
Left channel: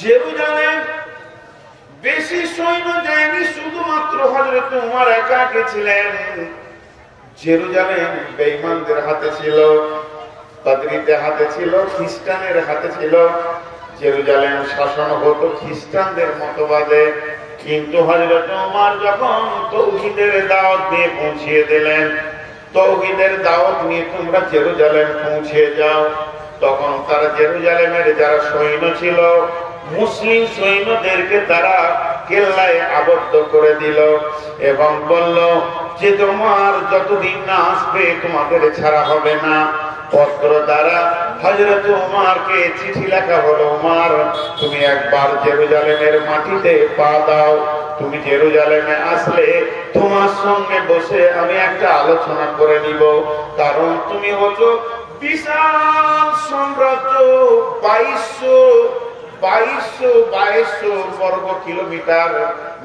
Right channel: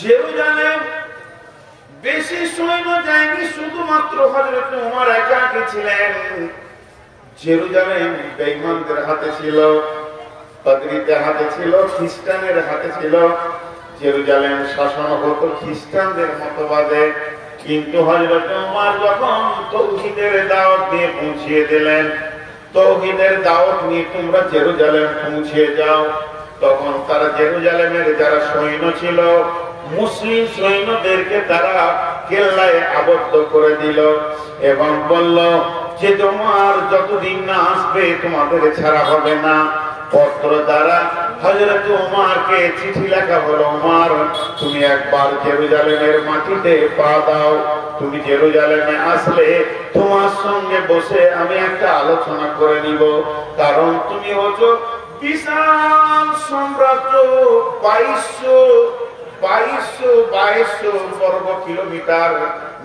জেরুজালেম। বেশি সৈন্য যায়নি, শুধুমাত্র হযরত উমর একা ছিলেন। জেরুজালেম বেঈমানদের হাতে ছিল। পাদ্রীদের হাতে ছিল, খ্রিস্টানের হাতে ছিল। জেরুজালেম শাসন হতো খ্রিস্টানদের মতবাদে। কিন্তু হযরত ওমর যখন তাওহীদের দাওয়াত নিয়ে পৌঁছিয়ে দিলেন, তাওহীদের দাওয়াত নিয়ে তোমরা জেরুজালেম পৌঁছে যাও, তখন তারা জেরুজালেমের যারা সৈন্য ছিল, মুসলিম সৈন্যদেরকে তারা কেল্লায় আবদ্ধ করে দিল এবং বলল যে তোমার যতদিন না আসবে তোমাদের ছাড়া হবে না। পত্র দ্বারা হযরত ওমরকে চিঠি লেখা হলো, ওমর তুমি একবার জেরুজালেমের মাটিতে পা দাও, তুমি জেরুজালেমে আসলে তোমার সঙ্গে বসে আমি একটা আলোচনা করে নিব, কারণ তুমি হচ্ছে বিশাল সাম্রাজ্য, 2200 বর্গ কিলোমিটার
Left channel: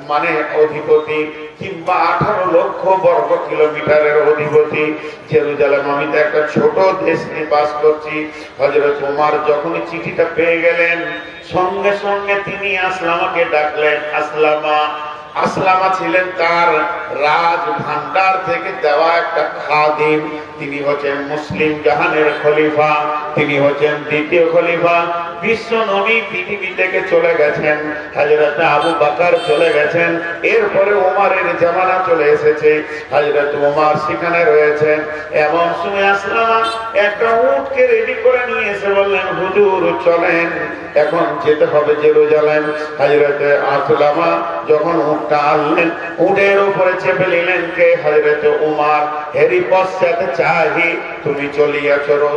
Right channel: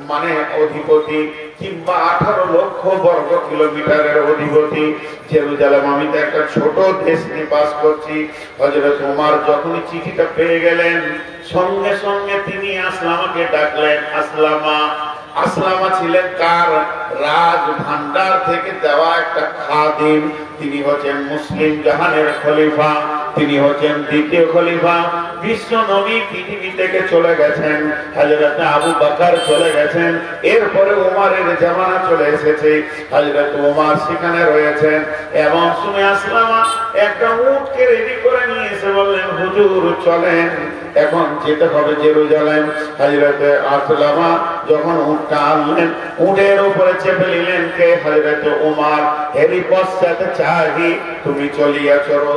মানে অধিপতি, কিংবা 18 লক্ষ বর্গ কিলোমিটারের অধিপতি। জেরুজালেম আমি তো একটা ছোট দেশ নিয়ে বাস করছি। হযরত ওমর যখন চিঠিটা পেয়ে গেলেন, সঙ্গে সঙ্গে তিনি আসলামাকে ডাকলেন। আসলামা ছিলেন তার রাজ ভান্ডার থেকে দেওয়া একটা খাদিম। তিনি হচ্ছেন মুসলিম জাহানের খলিফা, তিনি হচ্ছেন দ্বিতীয় খলিফা। বিশ্ব নবী পৃথিবী থেকে চলে গেছেন, হযরত আবু বকর চলে গেছেন, এরপরে ওমরের জামানা চলে এসেছে, হযরত ওমর সেখানে রয়েছেন। এবং শুনে আসলাম একটা উটকে রেডি করে নিয়ে এসে বললেন, হুজুর চলেন, এখন যেতে হবে জেরুজালেম। হযরত আসলামা যখন উটটা আনলেন, উটের উপরে চেপে নিলেন কে? হযরত ওমর। এরই পশ্চাতে চাহি তুমি চলিয়া চলো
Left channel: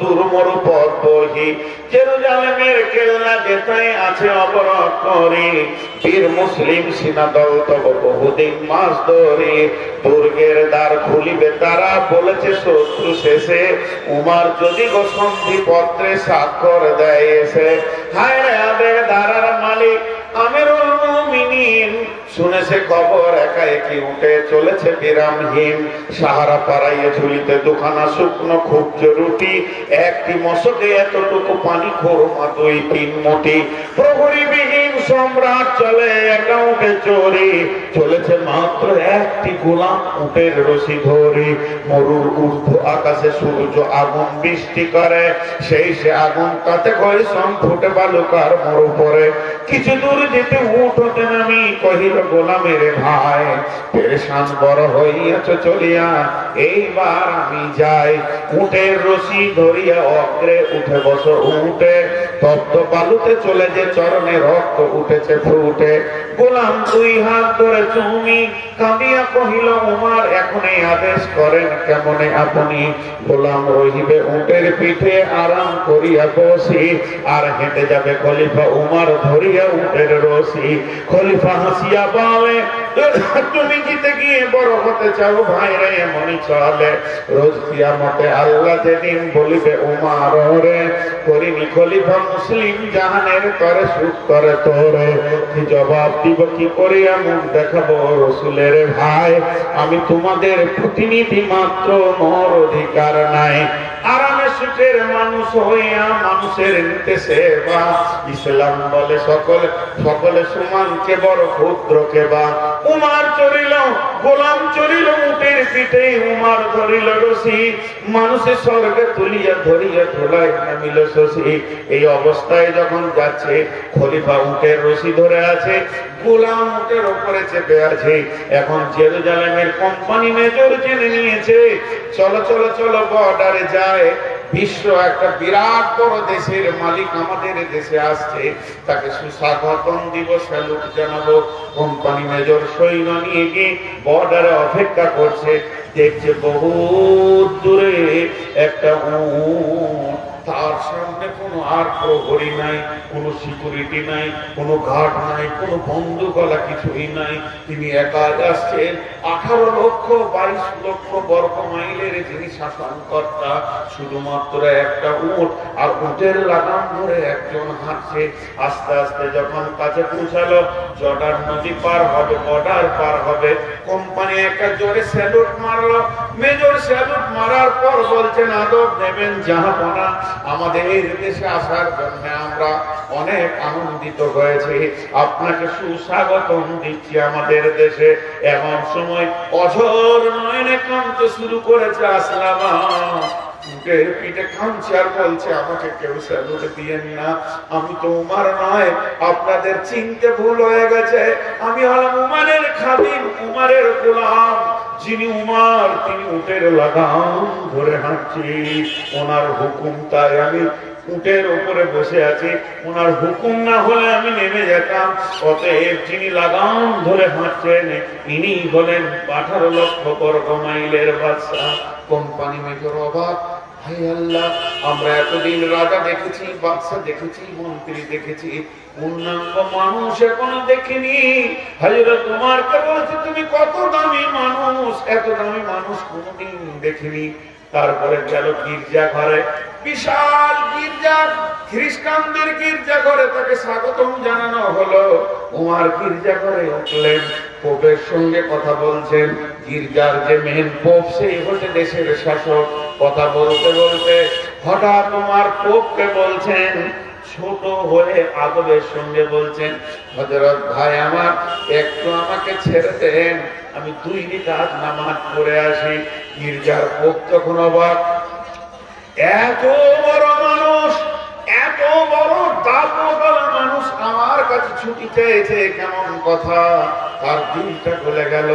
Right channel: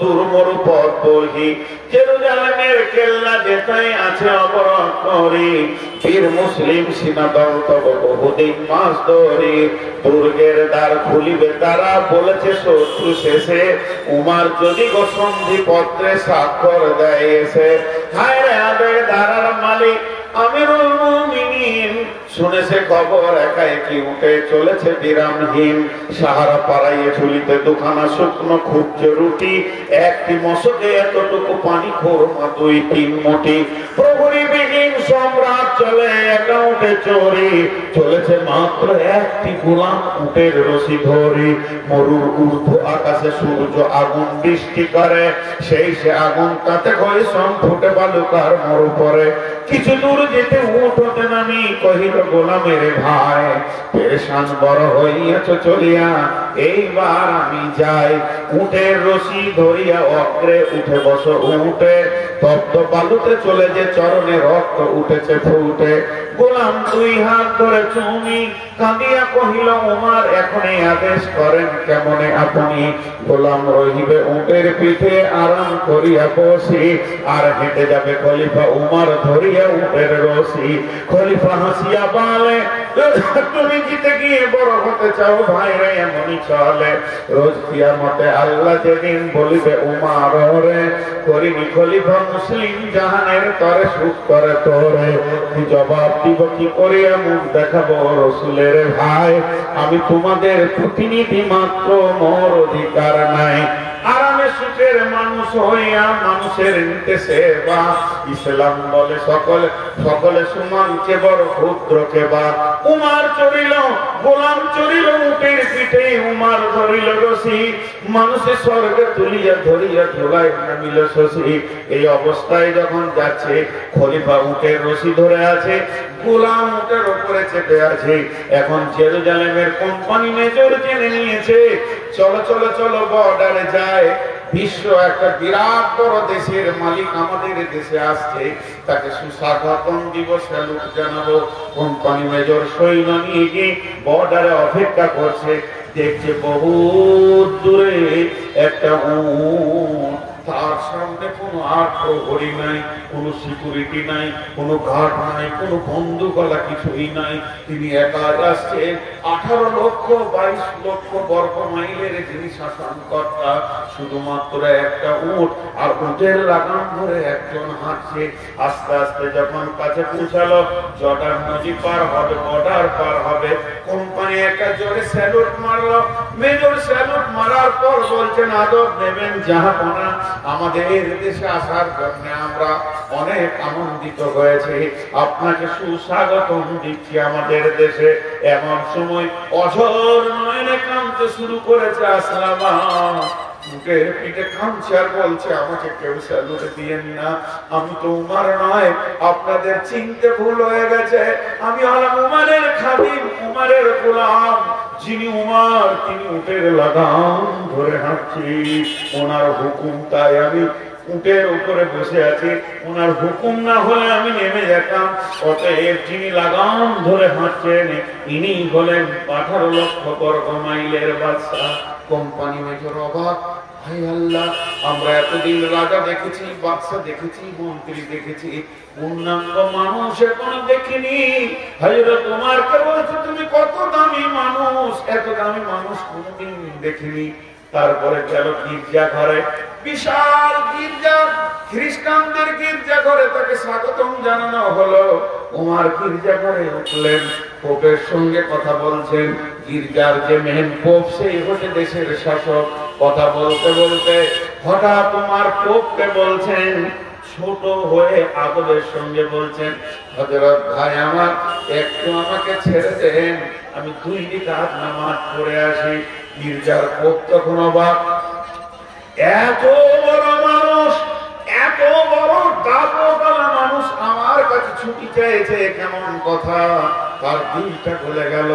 দূর মরু পথ বহি, জেরুজালেমের কেল্লা যেটাই আছে অবরোধ করি, বীর মুসলিম সিনাদল তব বহুদিন মাস ধরি, দুর্গের দ্বার খুলিবে তারা, বলেছে শত্রু শেষে, উমার যদি গো সন্ধি পত্রে স্বাক্ষর দেয় এসে। হায় রে আদের ধারার মালিক আমিরুল মুমিনিন শুনেছে খবর, একা একই উঠে চলেছে বিরামহীন, সাহারা পাড়াইয়ে ঝুলিতে দুখানা শুকনো ক্ষুব্জ রুটি, একটি মশকে এতটুকু পানি, খোরমা 2-3 মুঠি। প্রহরীবিহীন সম্রাট চলে একা উঠে চোরি, চলেছে মাত্র একটি গোলাম উটের রশি ধরি। মরুর ঊর্ধ্ব আকাশে সূর্য আগুন বৃষ্টি করে, সেই সে আগুন তাতে কয় সম ফুটে বালুকার মরু পরে। কিছু দূর যেতে উঠ হতে নামি কহিল গোলামের ভাই, পেরেশান বড় হইয়াছ চলিয়া, এইবার আমি যাই। উটের রশি ধরিয়া অগ্রে উঠে বস উঠে, তপ্ত বালুতে চলে যে চরণে রক্ত উঠেছে ফুটে। গোলাম 2 হাত ধরে চুমি কাঁদিয়া কহিল, ওমর এখনই আদেশ করেন কেমনে আপনি? গোলাম রহিবে উটের পিঠে আরাম করিয়া বসি, আর হেঁটে যাবে খলিফা উমর ধরিয়া উটের রশি। খলিফা হাসিয়া বলে, তুমি জিতে গিয়ে বড় হতে চাও ভাই রে, এমনই চলে রোজ কিয়ামতে আল্লাহ যেদিন বলিবে উমর রে, করিনি খলিফা মুসলিম জাহানের তরে সুখ করে তোরে। কি জবাব দিব, কি করিয়া মুখ দেখাবো রসুলের ভাই? আমি তোমাদের প্রতিনিধি মাত্র, মোর অধিকার নাই। আরামে সুখের মানুষ হইয়া মানুষের নিতে সেবা, ইসলাম বলে সকলে সমান, কে বড় ক্ষুদ্র কে বা। উমার চড়িল গোলাম চড়িল উটের পিঠে, উমার ধরিল রশি, মানুষের স্বর্গে তুলিয়া ধরিয়া ধুলায় নামিল শশী। এই অবস্থায় যখন যাচ্ছে, খলিফা উটের রশি ধরে আছে, গোলাম উটের উপরে চেপে আছে। এখন জেরুজালেমের কোম্পানি মেজর জেনে নিয়েছে, চলো চলো চলো বর্ডারে যায়। বিশ্ব একটা বিরাট বড় দেশের মালিক আমাদের দেশে আসছে, তাকে সুস্বাগতম দিব, স্যালুট জানাবো। কোম্পানি মেজর সৈন্য নিয়ে গিয়ে বর্ডারে অপেক্ষা করছে, দেখছে বহুত দূরে একটা উট, তার সামনে কোনো আর প্রহরী নাই, কোনো সিকিউরিটি নাই, কোনো ঘাট নাই, কোনো বন্দুকওয়ালা কিছুই নাই। তিনি একা আসছেন। 18 লক্ষ 22 লক্ষ বর্গ মাইলের যিনি শাসনকর্তা, শুধুমাত্র একটা উট, আর উটের লাগাম ধরে একজন হাঁটছে। আস্তে আস্তে যখন কাছে পৌঁছালো, জর্ডান নদী পার হবে, বর্ডার পার হবে, কোম্পানি একটা জোরে স্যালুট মারলো। মেজর স্যালুট মারার পর বলছেন, আদব নেবেন জাহাপনা, আমাদের এই দেশে আসার জন্য আমরা অনেক আনন্দিত হয়েছি, আপনাকে সুস্বাগতম দিচ্ছি আমাদের দেশে। এমন সময় অঝোর নয়নে কাঁদতে শুরু করেছে আসলামা। উঠে পিঠে কাঁদছে আর বলছে, আমাকে কেউ স্যালুট দিয়েন না, আমি তো উমার নয়, আপনাদের চিনতে ভুল হয়ে গেছে, আমি হলাম উমারের খাদিম, উমারের গোলাম। যিনি উমার তিনি উটের লাগাম ধরে হাঁটছি, ওনার হুকুম, তাই আমি উটের উপরে বসে আছি, ওনার হুকুম না হলে আমি নেমে যেতাম। অতএব যিনি লাগাম ধরে হাঁটছেন ইনি হলেন 18 লক্ষ বর্গ মাইলের বাদশা। কোম্পানি মেজর অবাক, হায় আল্লাহ, আমরা এতদিন রাজা দেখেছি, বাদশা দেখেছি, মন্ত্রী দেখেছি, পূর্ণাঙ্গ মানুষ এখনো দেখিনি। হযরত ওমরকে বলছে, তুমি কত দামি মানুষ, এত দামি মানুষ কোনোদিন দেখিনি। তারপরে গেল গির্জা ঘরে, বিশাল গির্জা, খ্রিস্টানদের গির্জা ঘরে তাকে স্বাগতম জানানো হলো। ওমর গির্জা ঘরে উঠলেন, পোপের সঙ্গে কথা বলছেন। গির্জার যে মেন পোপ, সেই হচ্ছে দেশের শাসক। কথা বলতে বলতে হঠাৎ তোমার পোপকে বলছেন, ছোট হয়ে আদরের সঙ্গে বলছেন, হযরত ভাই আমার, একটু আমাকে ছেড়ে দেন, আমি 2 রাকাত নামাজ পড়ে আসি। গির্জার পোপ তখন অবাক, এত বড় মানুষ, এত বড় দাপটওয়ালা মানুষ আমার কাছে ছুটি চেয়েছে, কেমন কথা। তার দিলটা খুলে গেল।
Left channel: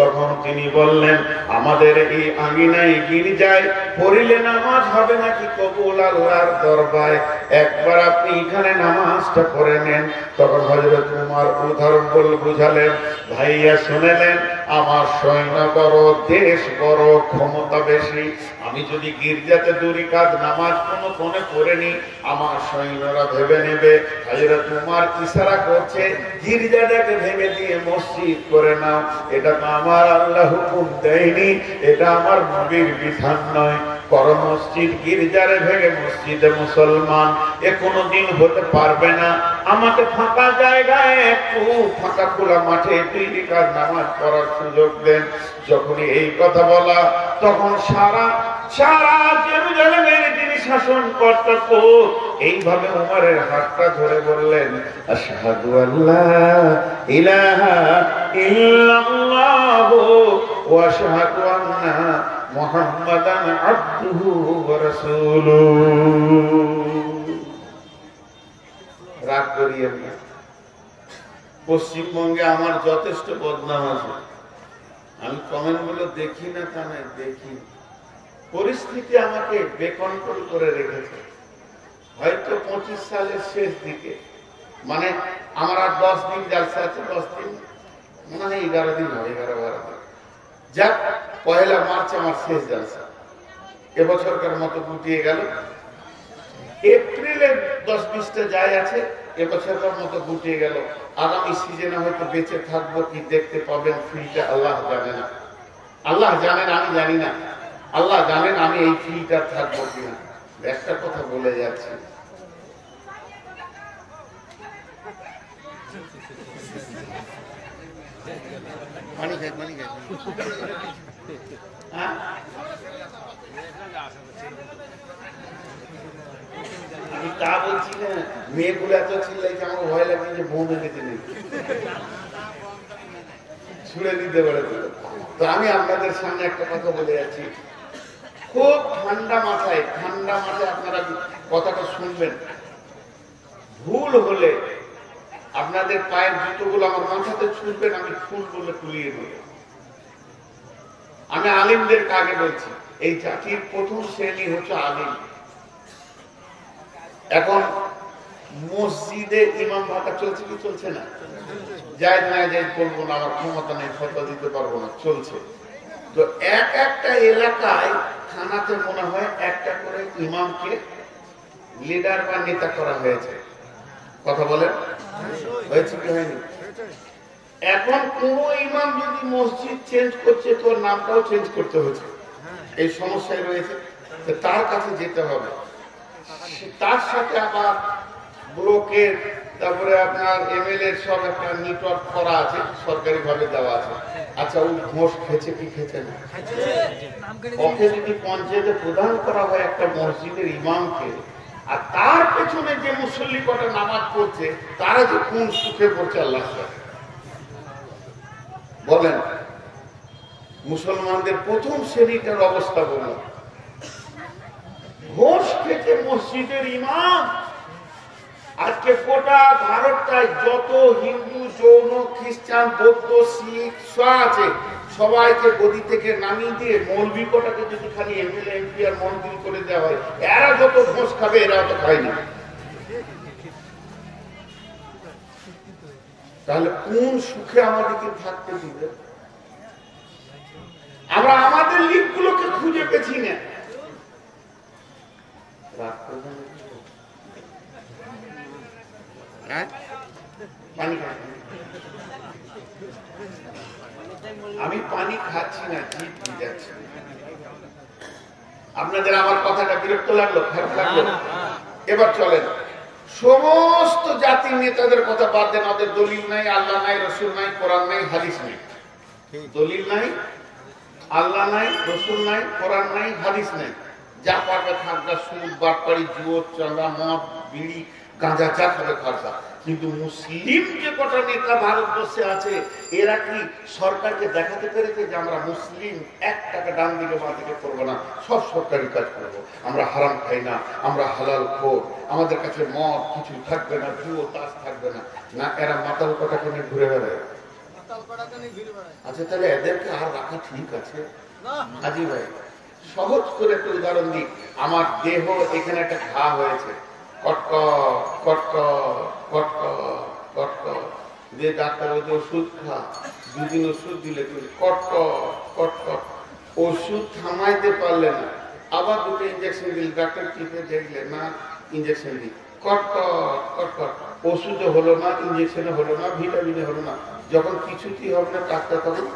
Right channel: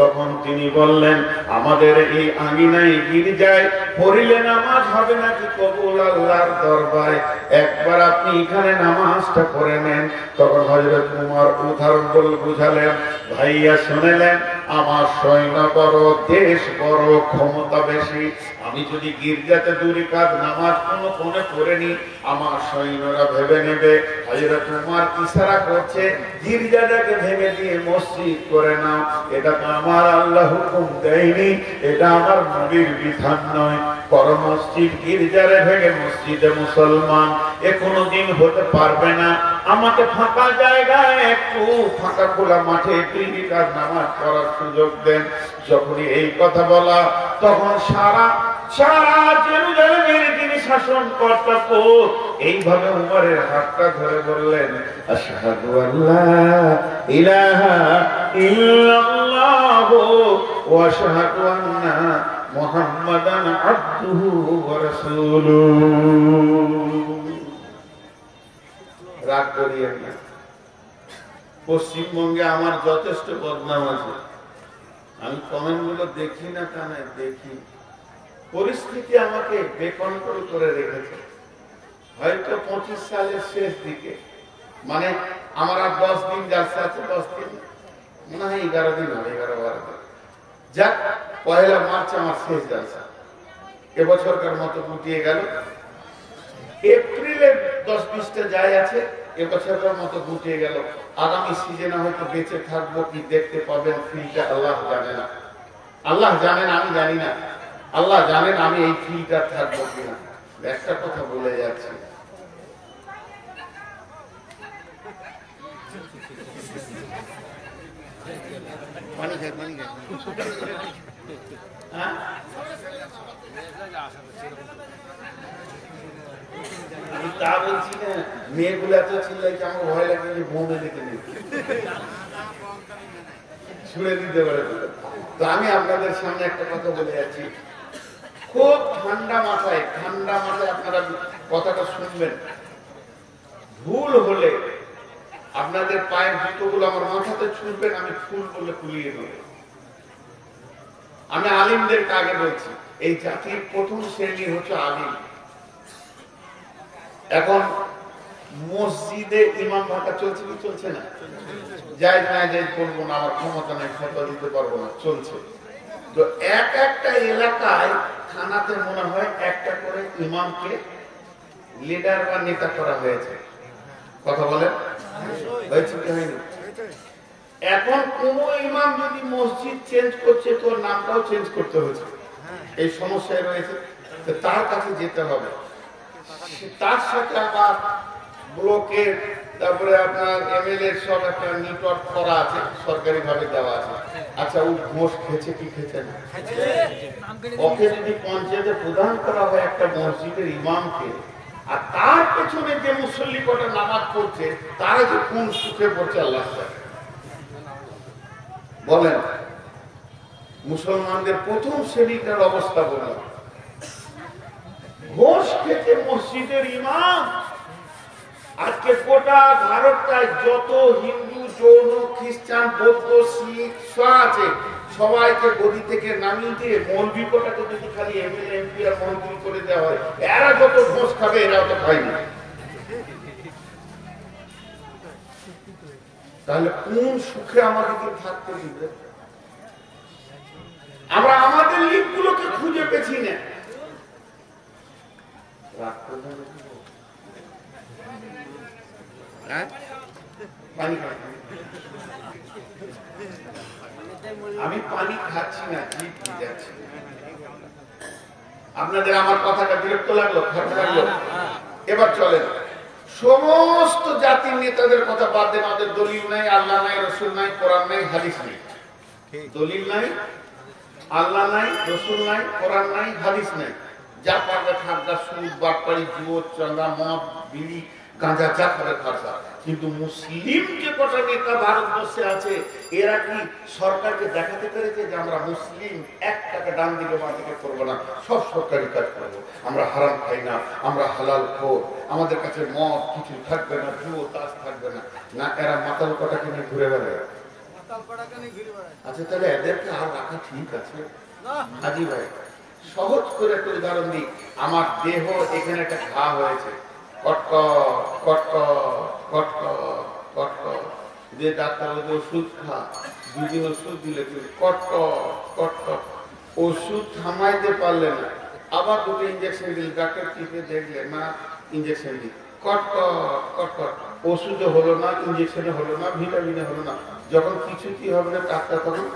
তখন তিনি বললেন, আমাদের এই আঙ্গিনায় গির্জায় পড়িলে নামাজ হবে নাকি কবুল আল্লাহর দরবারে, একবার আপনি এখানে নামাজটা পড়ে নেন। তখন হযরত ওমর উদাহরণ বলে বুঝালেন, ভাইয়া শুনেলেন, আমার সৈন্য বড়, দেশ বড়, ক্ষমতা বেশি, আমি যদি গির্জাতে 2 রাকাত নামাজ কোনো কোণে পড়ে নি, আমার সৈন্যরা ভেবে নেবে হযরত ওমর ইশারা করছে গির্জাটাকে ভেঙে দিয়ে মসজিদ করে নাও। এটা তো আমার আল্লাহ হুকুম দেয়নি, এটা আমার নবীর বিধান নয়। বড় মসজিদ গির্জারে ভেঙে মসজিদে মুসলমান এ কোনোদিন হতে পারবে না। আমাকে ফাঁকা জায়গায়, একটু ফাঁকা খোলা মাঠে 2 রাকাত নামাজ পড়ার সুযোগ দেন। যখনই এই কথা বলা, তখন সারা জেরুজালেমের যিনি শাসনকর্তা পোপ এইভাবে উমরের হাতটা ধরে বললেন, আশহাদু আল্লা ইলাহা ইল্লাল্লাহ ওয়া আশহাদু আন্না মুহাম্মাদান আবদুহু ওয়া রাসূলুহু। রাগ করিয়েন না, পশ্চিমবঙ্গে আমার যথেষ্ট বদনাম আছে, আমি কমেন্ট গুলো দেখি না তা নয়, দেখি। পরিস্থিতি আমাকে বেকন্ট্রোল করে রেখেছে। হয়তো 25 সালের শেষ দিকে, মানে আমার আর 10 দিন জালসা আছে, 10 দিন মনে হয় 11 দিন হবে, 11-12 দিন। যাক, 1 মার্চ আমার শেষ জালসা। এবছরকার মতো গুটিয়ে গেল। এপ্রিলে 10-20টা যায় আছে, এবছরকার মতো গুটিয়ে গেল। আগামী সিজনে হয়তো বেঁচে থাকবো কি দেখতে পাবেন ফিলটা আল্লাহ জানে না, আল্লাহ জানেন, আমি জানি না। আল্লাহ জানেন আমি এই ফিলটা থাকবো কিনা। একটা কথা বলে যাচ্ছি, আমি তা বলছি না, মেয়েগুলো এত চিল্লাইছে আমার ভয় লাগে যে বোমে দিতে নেই, ছুড়ে দিতে পারে। তো আমি আপনাদের সামনে একটা কথা বলে যাচ্ছি, খুব ঠান্ডা মাথায় আপনারা কথাটা শুনবেন। ভুল হলে আপনাদের পায়ের জুতোগুলো আমার মাথাতে ছুঁড়বেন, আমি ফুল বলে ফুলিয়ে দেব। আমি আলিমদেরকে আগে বলছি, এই জাতির প্রথম শ্রেণী হচ্ছে আলিম। এখন মসজিদে ইমাম ভাতা চলছে কি চলছে না? যাই না যাই করবো না, আমার ক্ষমতা নেই, ফতোয়া দিতে পারবো না, চলছে। তো একটা এলাকায় থানাতে মনে হয় একটা করে ইমামকে লিডার বা নেতা করা হয়েছে। কথা বলেন, হয়েছে কি হয়নি? এখন কোন ইমাম যদি মসজিদ চেঞ্জ করছে, তোর নামটাও চেঞ্জ করতে হচ্ছে, এই সমস্যায় রয়েছে। তার কাছে যেতে হবে, তার সাথে আবার ব্লকের, তারপরে আপনার এমএলএ সব একটা নেটওয়ার্ক করা আছে, সরকারি ভাবে দেওয়া আছে। আচ্ছা, ও ঘোষ খেয়েছে কি খেয়েছে না? ওকে যদি পঞ্চায়েতে প্রদান করা হয় একটা মসজিদের ইমামকে, আর তার পেছনে যে মুসল্লি কটা নামাজ পড়ছে, তারা যে কোন সুখে পড়ছে আল্লাহ বলেন। মুসলমানদের প্রথম শ্রেণীটার অবস্থা বললাম। উঠেছে মসজিদের ইমাম। আজকে গোটা ভারতটায় যত হিন্দু, জৈন, খ্রিস্টান, বৌদ্ধ, শিখ আছে, সবাইকে গদি থেকে নামিয়ে দিয়ে মৌলবি কোটাকে যদি খালি এমএলএ, এমপি আর মন্ত্রী করে দেওয়া হয়, এরা যত ঘোষ খাবে এরা তো খায়নি। তাহলে কোন সুখে আমাদেরকে থাকতে দিবে? আমরা আমাদের লিগগুলোকে খুঁজে পেছি না। আমি পানি খাচ্ছি না, জিভ যাচ্ছে। আপনাদের আমার কথাটা বিরক্ত লাগলো, খারাপ লাগলো? এবার চলেন, সমস্ত জাতির নেতাদের কথা বাদ দেন। ওদের দলিল নাই, আল্লাহ নাই, রসুল নাই, কোরআন নাই, হাদিস নাই। দলিল নাই, আল্লাহ নাই, রসুল নাই, কোরআন নাই, হাদিস নাই। যা পারবে থাকবে সুদ, বাটপাড়ি, জুয়ো, চাঁদা, মদ, বিড়ি, গাঁজা, যা করে খাওয়া। কিন্তু মুসলিম যে কটা নেতা ভারতবর্ষে আছে, এরা কি সরকারকে দেখাতে পেরেছে যে আমরা মুসলিম, 1 টাকা ডান দিকে বাঁ দিকে করবো না, সব সরকারি কাজ করবো, আমরা হারাম খাই না, আমরা হালাল খোর, আমাদের কাছে মদ কিছু থাকবে না, জুয়ো তাস থাকবে না? না, এরা মাতাল কটাকে নিয়ে ঘুরে বেড়ায়। আচ্ছা, তাহলে এদেরকে আর রাখা ঠিক আছে? আজি ভাই, সহজ করে একটা উদাহরণ দিই। আমার দেহ এখানে একটা ঘা হয়েছে, কটকট কটকট কটকট কটকট, যে ডাক্তার ওই যে ওষুধ খা, 2 দিন ওষুধ দিলে কটকট কটকট, ওষুধ থামাইতে পারলে না, আবার 2টো ইঞ্জেকশন দিল, ডাক্তার টিপে দেখলে না, ইঞ্জেকশন দিল, কটকট কটকট, ওষুধও হলো না, ইঞ্জেকশনে হলো না, ভিটামিনে হলো না। যখন কিছুতেই হবে না ডাক্তার, তখন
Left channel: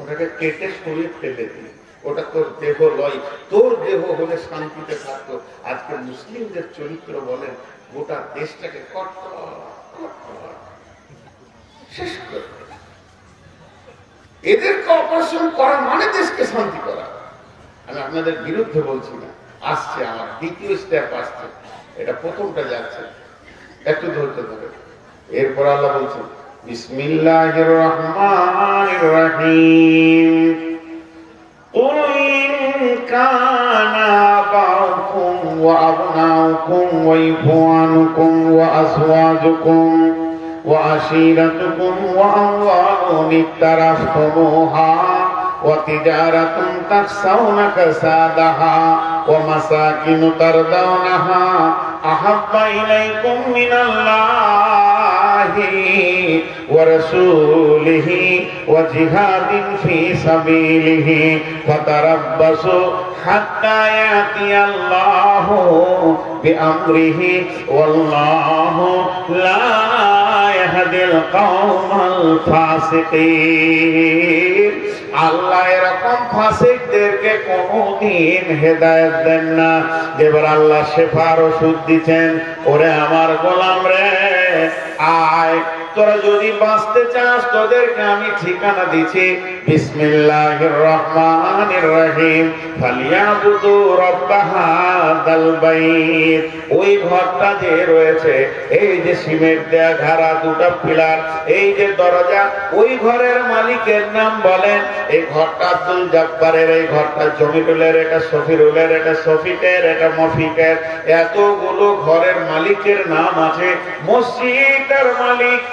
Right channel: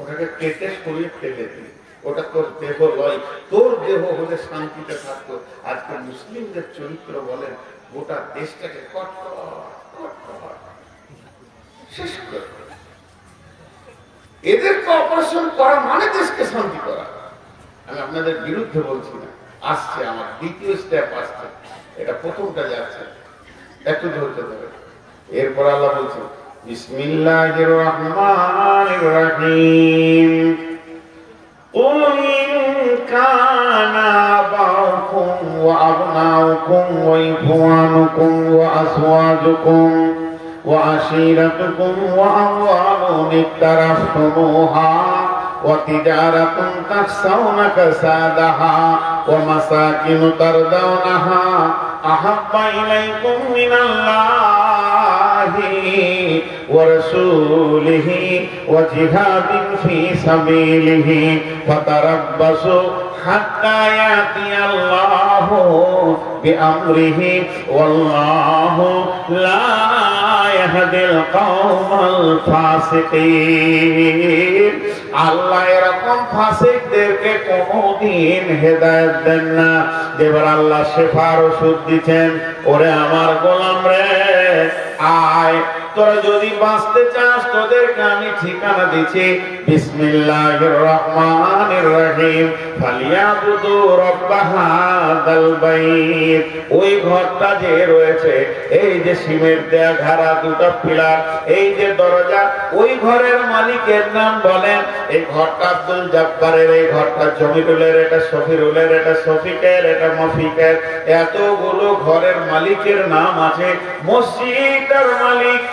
ওটাকে কেটে সরিয়ে ফেলে দিই। ওটা তোর দেহ লয়, তোর দেহ হলে শান্তিতে থাকতো। আজকে মুসলিমদের চরিত্র বলেন, গোটা দেশটাকে শেষ করে। এদেরকে অপারেশন করা মানে দেশকে শান্তি করা। আমি আপনাদের বিরুদ্ধে বলছি না, আসছে আমার দ্বিতীয় স্টেপ আসছে, এটা প্রথমটা যাচ্ছে, একটু ধরতে হবে। এরপর আল্লাহ বলছেন, বিসমিল্লাহির রহমানির রহিম, قُلْ إِنْ كَانَ آبَاؤُكُمْ وَأَبْنَاؤُكُمْ وَإِخْوَانُكُمْ وَأَزْوَاجُكُمْ وَعَشِيرَتُكُمْ وَأَمْوَالٌ اقْتَرَفْتُمُوهَا وَتِجَارَةٌ تَخْشَوْنَ كَسَادَهَا وَمَسَاكِنُ تَرْضَوْنَهَا أَحَبَّ إِلَيْكُمْ مِنَ اللَّهِ وَرَسُولِهِ وَجِهَادٍ فِي سَبِيلِهِ فَتَرَبَّصُوا حَتَّى يَأْتِيَ اللَّهُ بِأَمْرِهِ وَاللَّهُ لَا يَهْدِي الْقَوْمَ الْفَاسِقِينَ। আল্লাহ এরকম ফাসিকদেরকে কোনদিন হেদায়েত দেন না। এবার আল্লাহ শেফার ওষুধ দিচ্ছেন, ওরে আমার গোলাম রে, আয়, তোরা যদি বাঁচতে চাস তোদেরকে আমি ঠিকানা দিচ্ছি। বিসমিল্লাহির রহমানির রহিম, ফালিয়াবুদু রাব্ব হাযাল বাইত। ওই ঘরটা যে রয়েছে, এই যে সিমেন্ট দেয়া ঘাড়া, 2টা পিলার, এই যে দরজা, ওই ঘরের মালিকের নাম বলেন। এই ঘরটা আব্দুল জব্বারের, এই ঘরটা জমিরুলের, এটা শফিরুলের, এটা শফিকের, এটা মফিকের, এতগুলো ঘরের মালিকের নাম আছে। মসজিদের মালিক,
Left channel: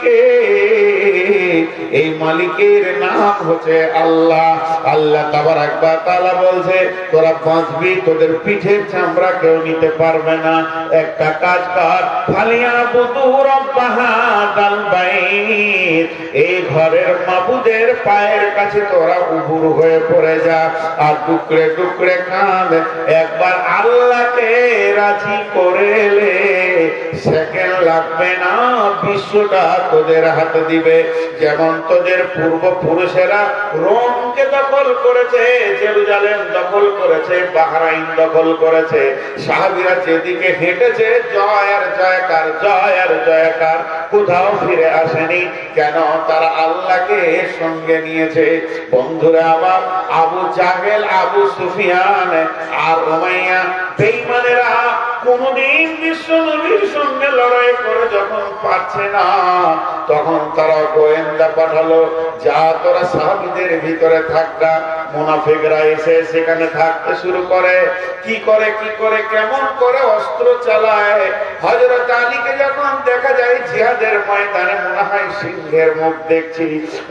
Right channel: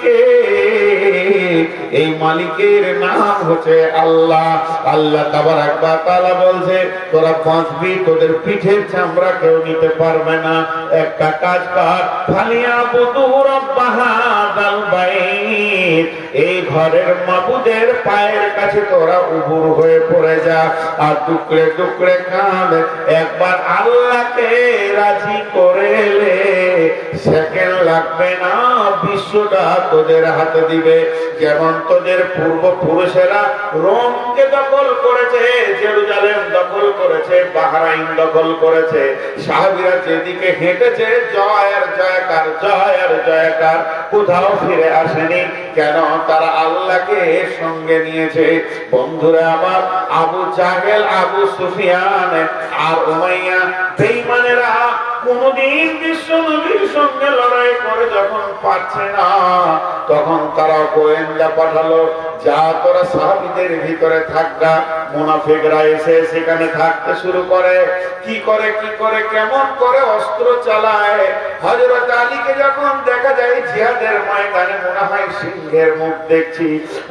এই মালিকের নাম হচ্ছে আল্লাহ। আল্লাহ তাবারাক ওয়া তাআলা বলছে, তোরা বাঁচবি, তোদের পিঠের চামড়া কেউ নিতে পারবে না। একটা কাজ কর, ফালিয়াবুদু রাব্ব হাযাল বাইত, এই ঘরের মাবুদের পায়ের কাছে তোরা উবুর হয়ে পড়ে যা, আর টুকরে টুকরে কাঁদ। একবার আল্লাহকে রাজি করে লে, সেকেন্ড লাগবে না, বিশ্বটা তোদের হাতে দিবে। যেমন তোদের পূর্বপুরুষেরা রোমকে দখল করেছে, জেরুজালেম দখল করেছে, বাহরাইন দখল করেছে, সাহাবীরা যেদিকে হেঁটেছে জয়ের জয়কার, জয়ের জয়কার, কোথাও ফিরে আসেনি। কেন? তারা আল্লাহকে সঙ্গে নিয়েছে। বন্ধুরা আমার, আবু জাহেল, আবু সুফিয়ান আর উমাইয়া বেঈমানেরা কোনদিন বিশ্বনবীর সঙ্গে লড়াই করে যখন পাচ্ছে না, তখন তারা গোয়েন্দা পাঠালো, যা তোরা সাহাবীদের ভিতরে থাকবা, মুনাফিকরা এসে সেখানে থাকতে শুরু করে। কি করে কেমন করে অস্ত্র চালায়। হযরত আলীকে যখন দেখা যায় জিহাদের ময়দানে মনে হয় সিংহের মুখ দেখছি,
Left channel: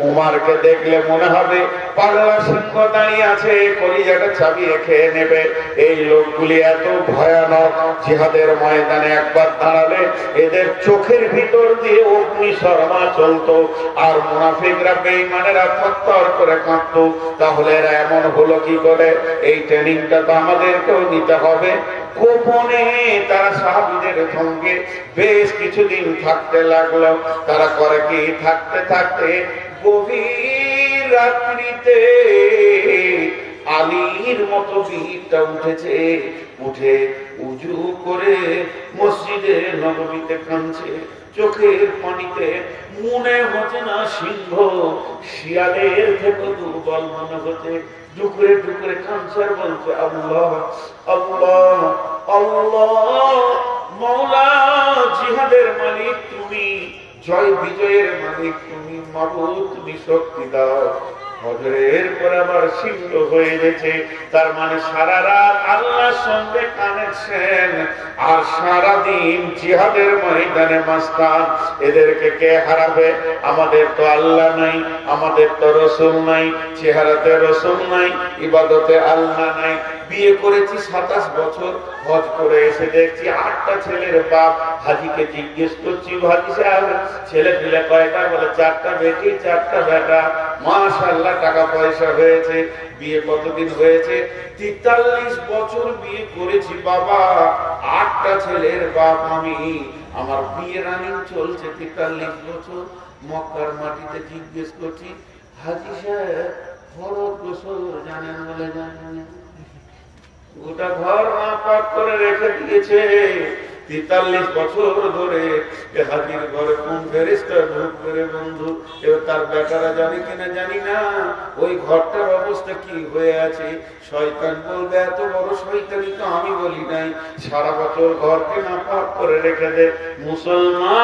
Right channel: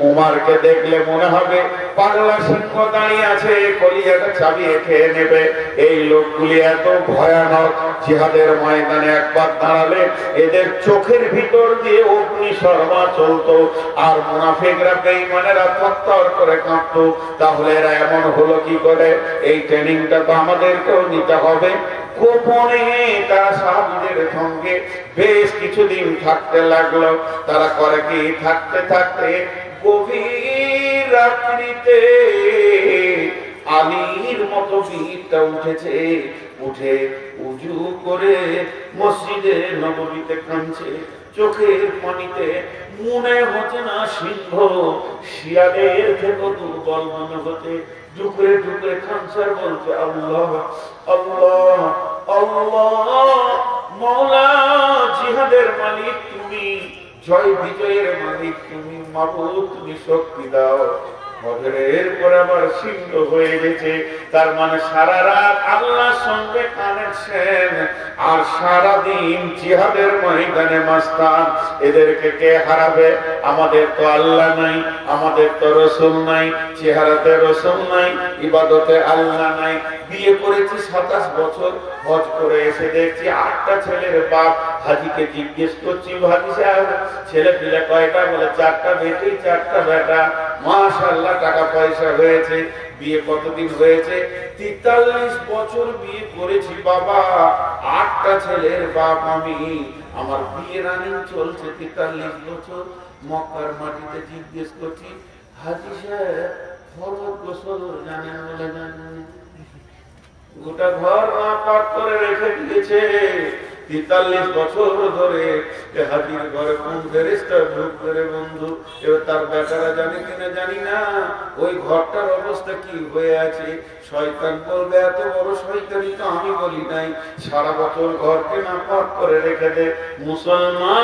উমারকে দেখলে মনে হবে পাগলা সিংহ দাঁড়িয়ে আছে, কলিজাটা চাবিয়ে খেয়ে নেবে। এই লোকগুলি এত ভয়ানক, জিহাদের ময়দানে একবার দাঁড়ালে এদের চোখের ভিতর দিয়ে অগ্নি শর্মা চলতো, আর মুনাফিকরা বেঈমানেরা থরথর করে কাঁপতো। তাহলে এরা এমন হলো কি করে? এই ট্রেনিংটা তো আমাদেরকেও নিতে হবে। গোপনে তারা সাহাবীদের সঙ্গে বেশ কিছুদিন থাকতে লাগলো। তারা করে কি, থাকতে থাকতে গভীর রাত্রিতে আলীর মতো ভিড়টা উঠেছে, উঠে উজু করে মসজিদে নববীতে কাঁদছে, চোখের পানিতে মনে হচ্ছে না সিংহ শিয়ালের থেকে দুর্বল মনে হচ্ছে। ডুকরে ডুকরে কাঁদছে, বলছে আল্লাহ আল্লাহ আল্লাহ, মওলা জিহাদের মালিক তুমি, জয় বিজয়ের মালিক তুমি, মাবুদ তুমি শক্তি দাও। ফজরের পর আবার সিংহ হয়ে গেছে। তার মানে সারা রাত আল্লাহর সঙ্গে কানেকশন, আর সারা দিন জিহাদের ময়দানে মাস্তান। এদেরকে কে হারাবে? আমাদের তো আল্লাহ নাই, আমাদের তো রসুল নাই, চেহারাতে রসুল নাই, ইবাদতে আল্লাহ নাই। বিয়ে করেছি 27 বছর, হজ করে এসে দেখছি 8টা ছেলের বাপ। হাজিকে জিজ্ঞেস করছি, হাজি সাহেব ছেলে পিলে কয়টা? বলে 4টা বেটি 4টা বেটা। মাশাআল্লাহ, টাকা পয়সা হয়েছে। বিয়ে কতদিন হয়েছে? 43 বছর বিয়ে করেছি বাবা, 8টা ছেলের বাপ আমি। আমার বিয়ে রানিং চলছে 43 বছর। মক্কার মাটিতে জিজ্ঞেস করছি, হাজি সাহেব ফরজ গোসল জানেন? বলে জানেন। গোটা ঘর না পাক করে রেখে দিয়েছে। 43 বছর ধরে হাজির ঘরে কোন ফেরেশতা ঢুকবে রে বন্ধু? এবার তার বেটারা জানে কিনা জানি না ওই ঘরটার অবস্থা কি হয়ে আছে। শয়তান বলবে, এত বড় শয়তানি তো আমি বলি নাই, সারা বছর ঘরকে না পাক করে রেখে দে। মুসলমান,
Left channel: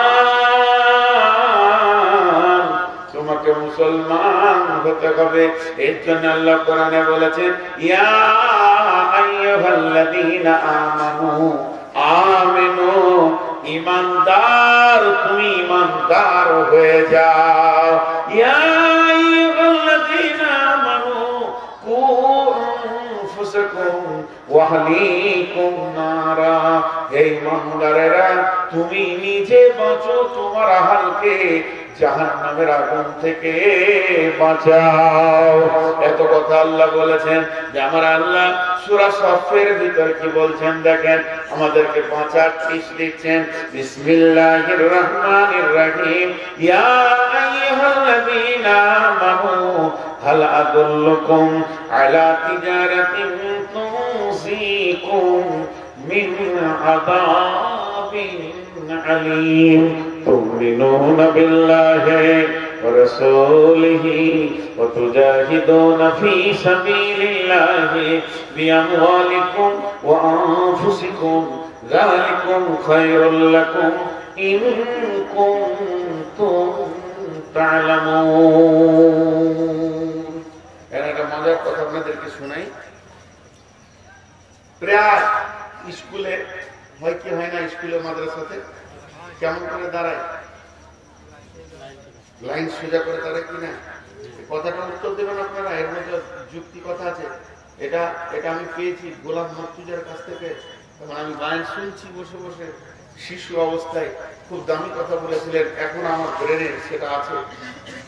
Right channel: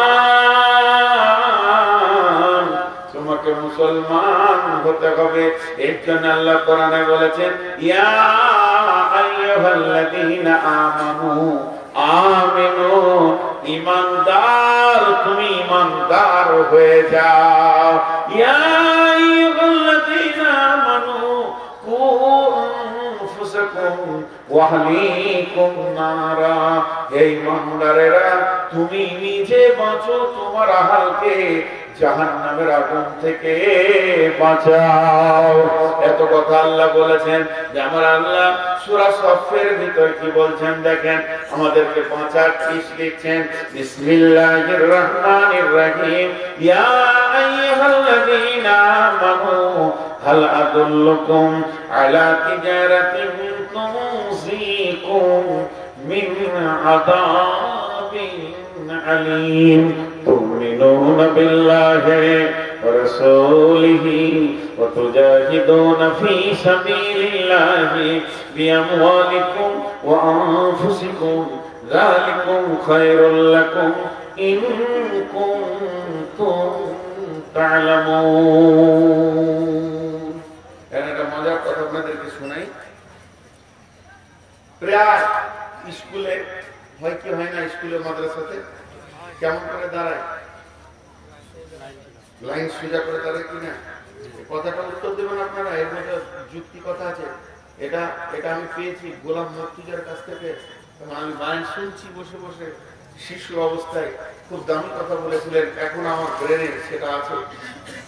তোমাকে মুসলমান হতে হবে। এর জন্য আল্লাহ কোরআনে বলেছেন, ইয়া আইয়ুহাল্লাযীনা আমানু আমিনু, ঈমানদার তুমি ঈমানদার হয়ে যাও। ইয়া আইয়ুহাল্লাযীনা আমানু কু আনফুসাকুম ওয়া আহলিকুম নারা, হে ঈমানদারেরা তুমি নিজে বাঁচো, তোমার আহলকে জাহান্নামের আগুন থেকে বাঁচাও। এত কথা আল্লাহ বলেছেন। যে আমার আল্লাহ সূরা সফের ভিতর কি বলছেন দেখেন, আমাদেরকে 5-8 দিচ্ছেন। বিসমিল্লাহির রহমানির রহিম, ইয়া আইয়ুহাল্লাযীনা আমানু হাল আদুল্লুকুম আলা তিজারাতিন তুনজিকুম মিন আযাবিন আলীম তুমিনুন বিল্লাহি ওয়া রাসূলিহি ওয়া তুজাহিদুনা ফী সাবিলিল্লাহি বিআমওয়ালিকুম ওয়া আনফুসিকুম যালিকুম খায়রুল লাকুম ইন কুনতুম তা'লামুন। একটা মজার কথা আপনাদেরকে শোনাই। প্রায় স্কুলে হয় কি হয় না, স্কুলে মাদ্রাসাতে কেমন করে দাঁড়ায়? লাইন সোজা করে দাঁড়ায় কিনা? কথাটা উত্তর দেবেন আপনারা, এর মধ্যে যুক্তি কথা আছে। এটা আমি পেয়েছি গোলাম মুর্তজার কাছ থেকে। আমি লাইন শুনছি বসে বসে, শিশু অবস্থায় খুব দামি কথা বলেছিলেন, এখন আমার ব্রেনে সেটা আছে।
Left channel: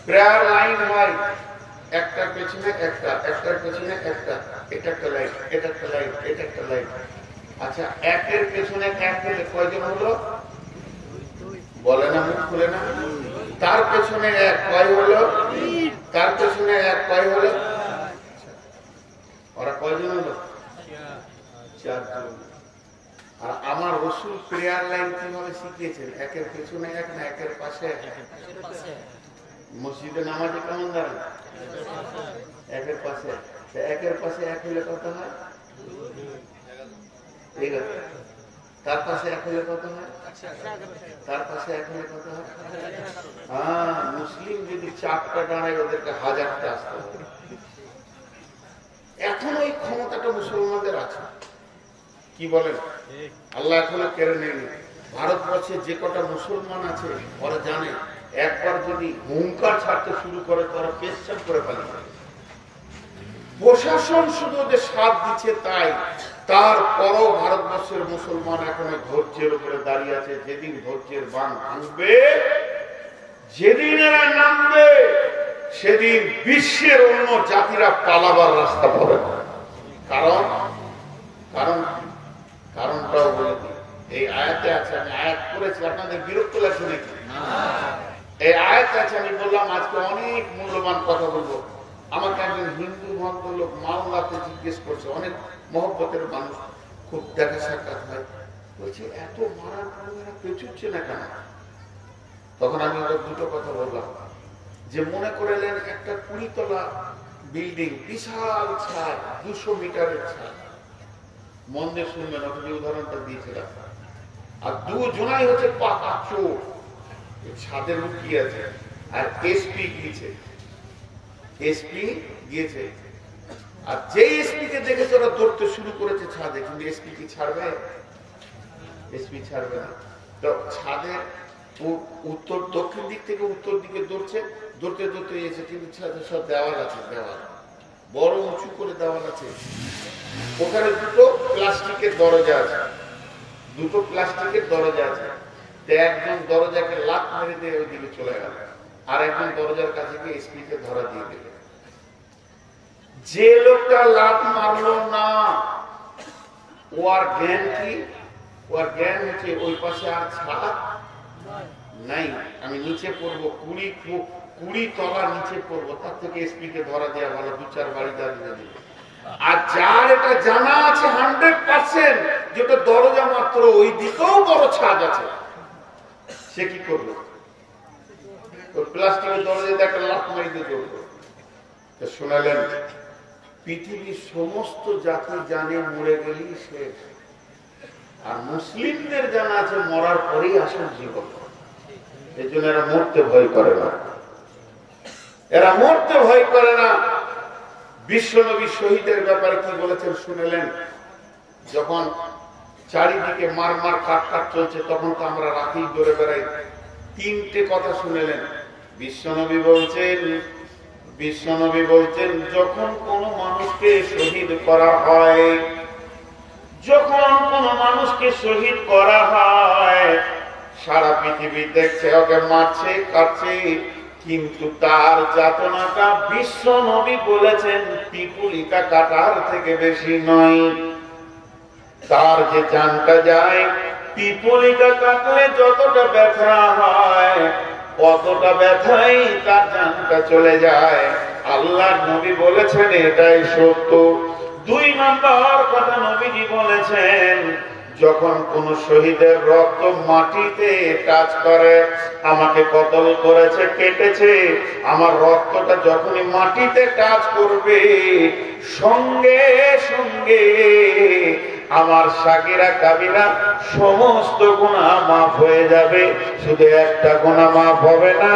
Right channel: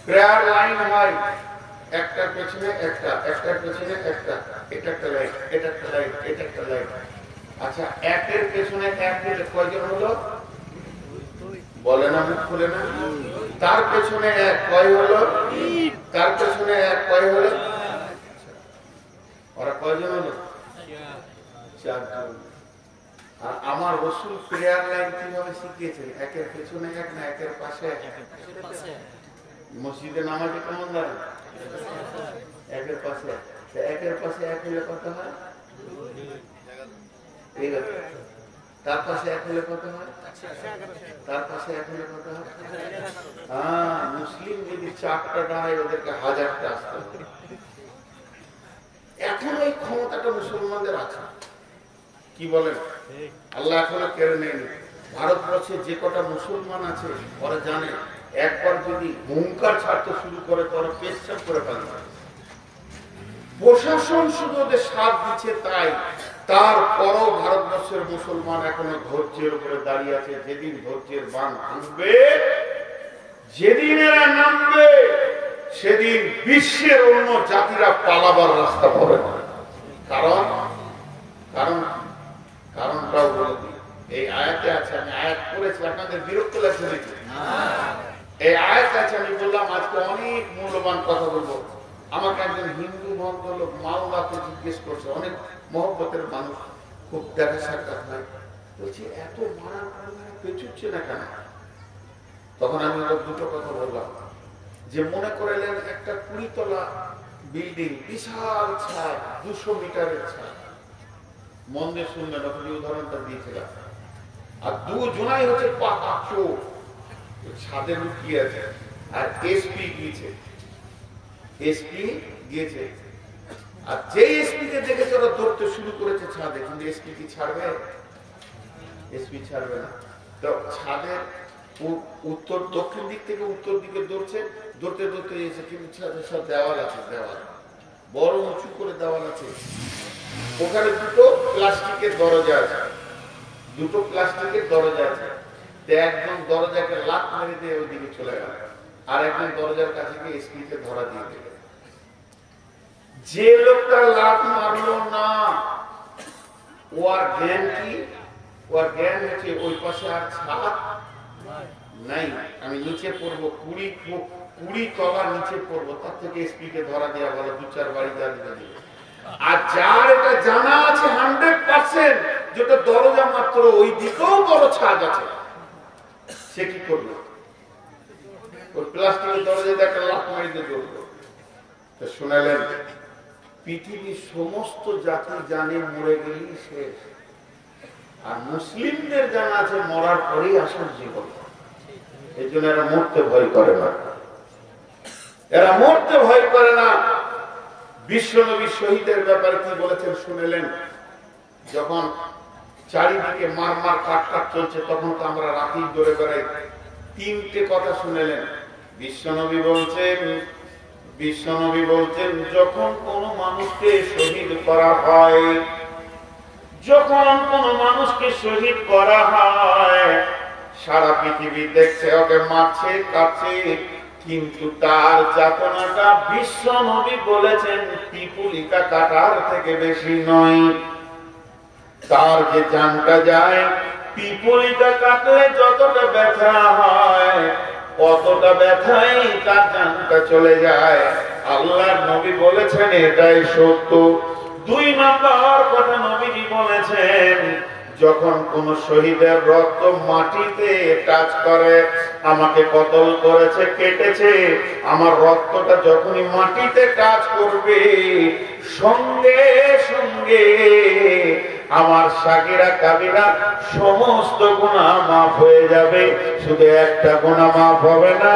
প্রেয়ার লাইন হয় একটার পেছনে একটা, একটার পেছনে একটা, এটা একটা লাইন, এটা একটা লাইন, এটা একটা লাইন। আচ্ছা, একের পেছনে এক হলে কয়জন হলো? বলে না, মুখ খুলে না। তার পেছনে এক কয় হলো? তার পেছনে এক কয় হলো? ওরা কয়জন হলো? 4 জন। আর আমার রাসূল প্রেয়ার লাইন কিভাবে শিখিয়েছেন? একের পেছনে এক না একের পাশে এক? মসজিদে নামাজে কেমন দাঁড়ান? একের পাশে এক। একের পাশে এক হলে কত হয়? ঠিক আছে। তার পাশে এক হলে কত হয়? তার পাশে এক হলে কত হয়? হ্যাঁ, মুসলিম যদি 4টা দাঁড়ায় ওদেরকে 1000টা আসতে হবে। এখন ওই ক্ষমতাটা মুসলমানদের আছে, কি বলেন? আল্লাহ এখনো কেড়ে নেয়নি। ভারতবর্ষে যে কটা মুসলমান আছে ওরা জানে একবার যদি হুঙ্কার ছাড়তে শুরু করে তোরা পেশাব করে পালিয়ে। প্রশাসন শুধু ওদের সাথ দিচ্ছে, তাই তারপরও ভারতবর্ষের মুসলমান এখনো ধৈর্যের উপরে দাঁড়িয়ে আছে। যেদিন ধৈর্যের বাঁধ ভাঙবে, যেদিন এরা নামবে, সেদিন বিশ্বের অন্য জাতিরা পালাবার রাস্তা পাবে না। কারণটাও বলে দিই, এই আয়াতে আছে, আমি আয়াত করেছি, আপনাদের বিরক্ত লাগছে নাকি? এই আয়াত আছে, আমি বললাম আজকে অনেক মূল্যবান কথা বলবো। আমাকে একজন হিন্দু ভদ্রলোক মাওলাতে জিজ্ঞেস করছে, অনেক মহব্বতের মানুষ, খুব দেখা সাক্ষাৎ হয়, বলছে এত মারার পরে এরা পেছুচ্ছে না কেন? তখন আমি ওরা দুটো কথা বললাম, যে মনে করলেন একটা 20 তলা বিল্ডিং, বিশাল ছাদ, 200 মিটারের ছাদ, মন দিয়ে শুনবেন, ওখানে উদাহরণটা দিয়েছিলাম, আর দুজনাই হচ্ছে পাকা চোর, ছাদে লুকিয়ে আছে, আর এসপি গিয়েছে, আর যে এসপি কে দেখে ওরা দৌড়তে শুরু করেছে ছাদে, কিন্তু এসপি কি ছাড়বে? এসপি ছাড়বে না। তো ছাদের উত্তর দক্ষিণ দিক থেকে উত্তর দিকে দৌড়তে এসে, কিন্তু ছাদের সব দেওয়াল আছে, দেওয়াল বড় উঁচু করে দেওয়াল আছে, ওখানে দুটো প্লাস্টিকের দরজা আছে, একজন দরজাকে লাত মেরে দিয়ে ওইদিকে চলে গেল, আর একজন দরজার কাছে গিয়ে এসপি কে ধরা দিয়ে দিল। যে লোকটা লাত মারলো না, ওর জ্ঞান কি? ওর জ্ঞান হচ্ছে ওই পাশে আর ছাদ নাই, আমি নিচে পড়বো, 20 তলা নিচে পড়বো, তার থেকে এসপি কে ধরা দেওয়া ভালো, 2-4 বাড়ি দাঁড়িয়ে দিবে। আর যার এটা জানা আছে 100% যেটা দরজা মাত্র ওই দিকেও বড় ছাদ আছে, সে কি করবে? ওই প্লাস্টিকের দরজায় একটা লাফ মারিতে ধরবে। তো শোনালেন, পৃথিবীর সমস্ত জাতি জানে মরে গেলেই শেষ, আর মুসলিমদের জানা আছে মরার পরেই আসল জীবন। এই জন্য এরা মরতে ভয় করে না। বিশ্বনবী শহীদের ব্যাপারে কি বলেছেন শুনেলেন? যখন চারিদিকে মার কাট চলছে, তখন তো আমরা রাতেই দৌড়ে বেড়াই। 3টে কথা শুনেলেন। বিশ্বনবী বলছেন যখন কোনো মানুষকে শহীদ করা হয়, সারা পৃথিবী দেখছে ওকে মারছে, কাটছে, কিন্তু তার যাতনাটা বিশ্বনবী বলেছেন পিপুলিকা কাটার থেকে বেশি নয়। তার যে জানটা যায়, পিপুলিকা কাটলে যতটা ব্যথা হয়, অতটা ব্যথাই তার জানটা চলে যায়। আল্লাহর নবী বলেছেন এটাই সত্য। 2 নম্বর কথা নবীজি বলেছেন, যখন কোন শহীদের রক্ত মাটিতে টাচ করে, আমাকে কতল করেছে, কেটেছে, আমার রক্তটা যখনই মাটিতে টাচ করবে, সঙ্গে সঙ্গে আমার সাগিরা কাবিরা সমস্ত গুনাহ মাফ হয়ে যাবে। শুধু একটা গুনাহ মাফ হবে না,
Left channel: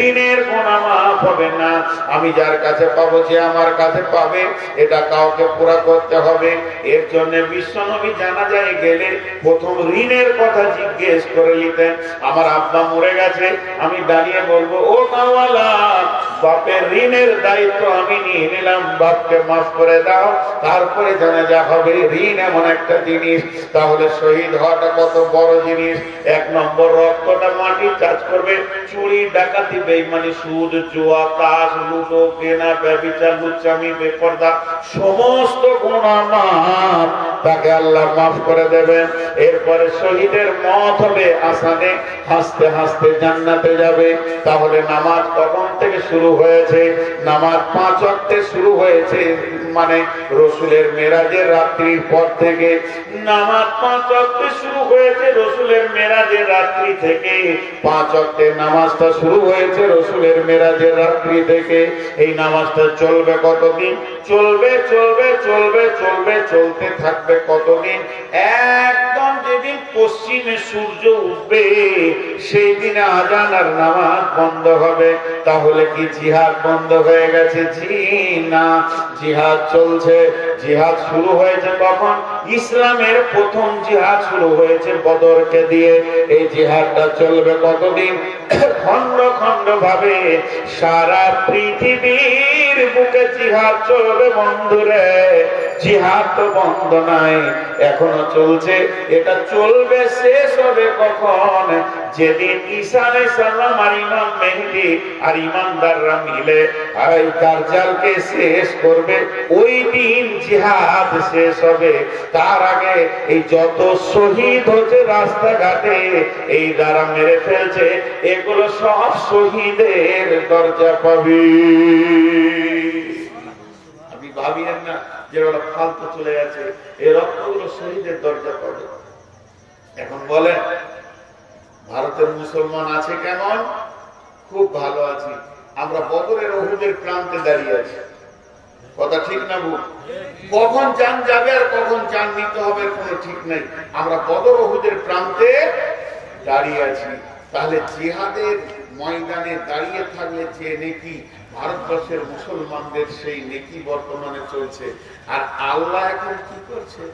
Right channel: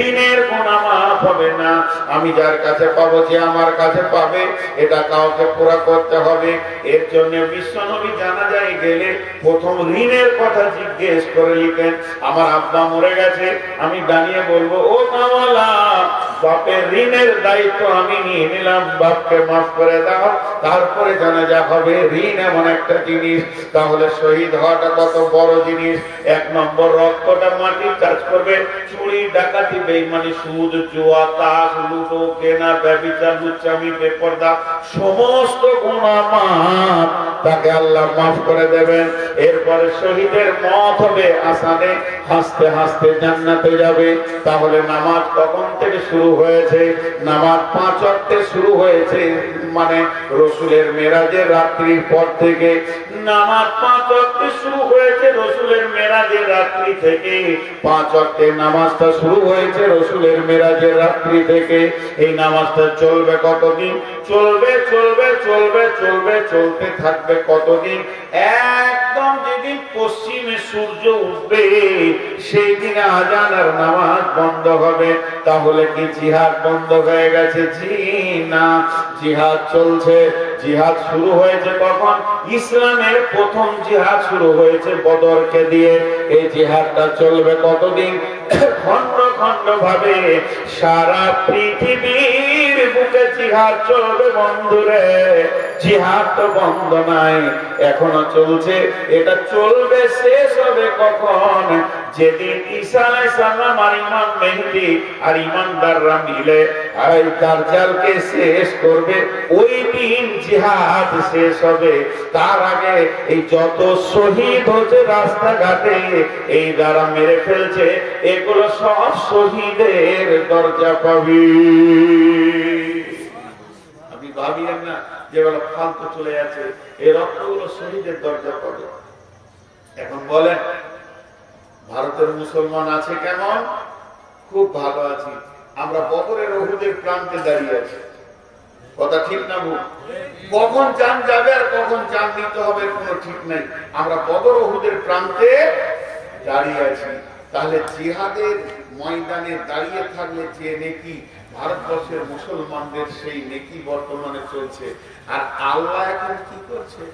ঋণের গুনাহ মাফ হবে না। আমি যার কাছে পাবো, যে আমার কাছে পাবে, এটা কাউকে পুরা করতে হবে। এর জন্য বিশ্বনবী জানাজায় গেলে প্রথম ঋণের কথা জিজ্ঞেস করে নিতেন। আমার আব্বা মরে গেছে, আমি দাঁড়িয়ে বলবো, ও মাওলানা, বাপের ঋণের দায়িত্ব আমি নিয়ে নিলাম, বাপকে মাফ করে দাও। তারপরে জানাজা হবে। ঋণ এমন একটা জিনিস, তাহলে শহীদ হওয়াটা কত বড় জিনিস। 1 নম্বর, রক্তটা মাটি টাচ করবে। চুরি, ডাকাতি, বেঈমানি, সুদ, জুয়া, তাস, লুডো, কেনা, ব্যভিচার, লুচ্চামি, বেপরদা, সমস্ত গুনাহ মাফ, তাকে আল্লাহ মাফ করে দেবেন। এরপরে শহীদের মত হবে আসানে, হাসতে হাসতে জান্নাতে যাবে। তাহলে নামাজ কখন থেকে শুরু হয়েছে? নামাজ 5 ওয়াক্তে শুরু হয়েছে, মানে রসুলের মেরাজের রাত্রির পর থেকে। নামাজ 5 ওয়াক্তে শুরু হয়েছে রসুলের মেরাজের রাত্রি থেকে। 5 ওয়াক্তের নামাজটা শুরু হয়েছে রসুলের মেরাজের রাত্রি থেকে। এই নামাজটা চলবে কতদিন? চলবে চলবে চলবে চলবে, চলতে থাকবে কতদিন? একদম যেদিন পশ্চিমে সূর্য উঠবে সেই দিনে আযান আর নামাজ বন্ধ হবে। তাহলে কি জিহাদ বন্ধ হয়ে গেছে? জি না, জিহাদ চলছে। জিহাদ শুরু হয়েছে কখন? ইসলামের প্রথম জিহাদ শুরু হয়েছে বদরকে দিয়ে। এই জিহাদটা চলবে কতদিন? খন্ড খন্ড ভাবে সারা পৃথিবীর বুকে জিহাদ চলবে বন্ধুরে। জিহাদ তো বন্ধ নাই, এখনো চলছে। এটা চলবে, শেষ হবে কখন? যেদিন ঈসা আলাইহিস সালাম আর ইমাম মেহেদী আর ইমানদাররা মিলে এই দাজ্জালকে শেষ করবে, ওই দিন জিহাদ শেষ হবে। তার আগে এই যত শহীদ হচ্ছে রাস্তাঘাটে, এই যারা মেরে ফেলছে, এগুলো সব শহীদের দরজা পাবে। আপনি ভাবিয়েন না যেগুলো ফালতু চলে যাচ্ছে, এই রক্তগুলো শহীদের দরজা পাবে। এখন বলেন ভারতের মুসলমান আছে কেমন? খুব ভালো আছি। আমরা বদরের উহুদের প্রান্তে দাঁড়িয়ে আছি। কথা ঠিক না ভুল? কখন জান যাবে আর কখন জান নিতে হবে কোনো ঠিক নাই। আমরা বদর উহুদের প্রান্তে দাঁড়িয়ে আছি। তাহলে জিহাদের ময়দানে দাঁড়িয়ে থাকলে যে নেকি ভারতবর্ষের মুসলমানদের, সেই নেকি বর্তমানে চলছে। আর আল্লাহ এখন কি করছে?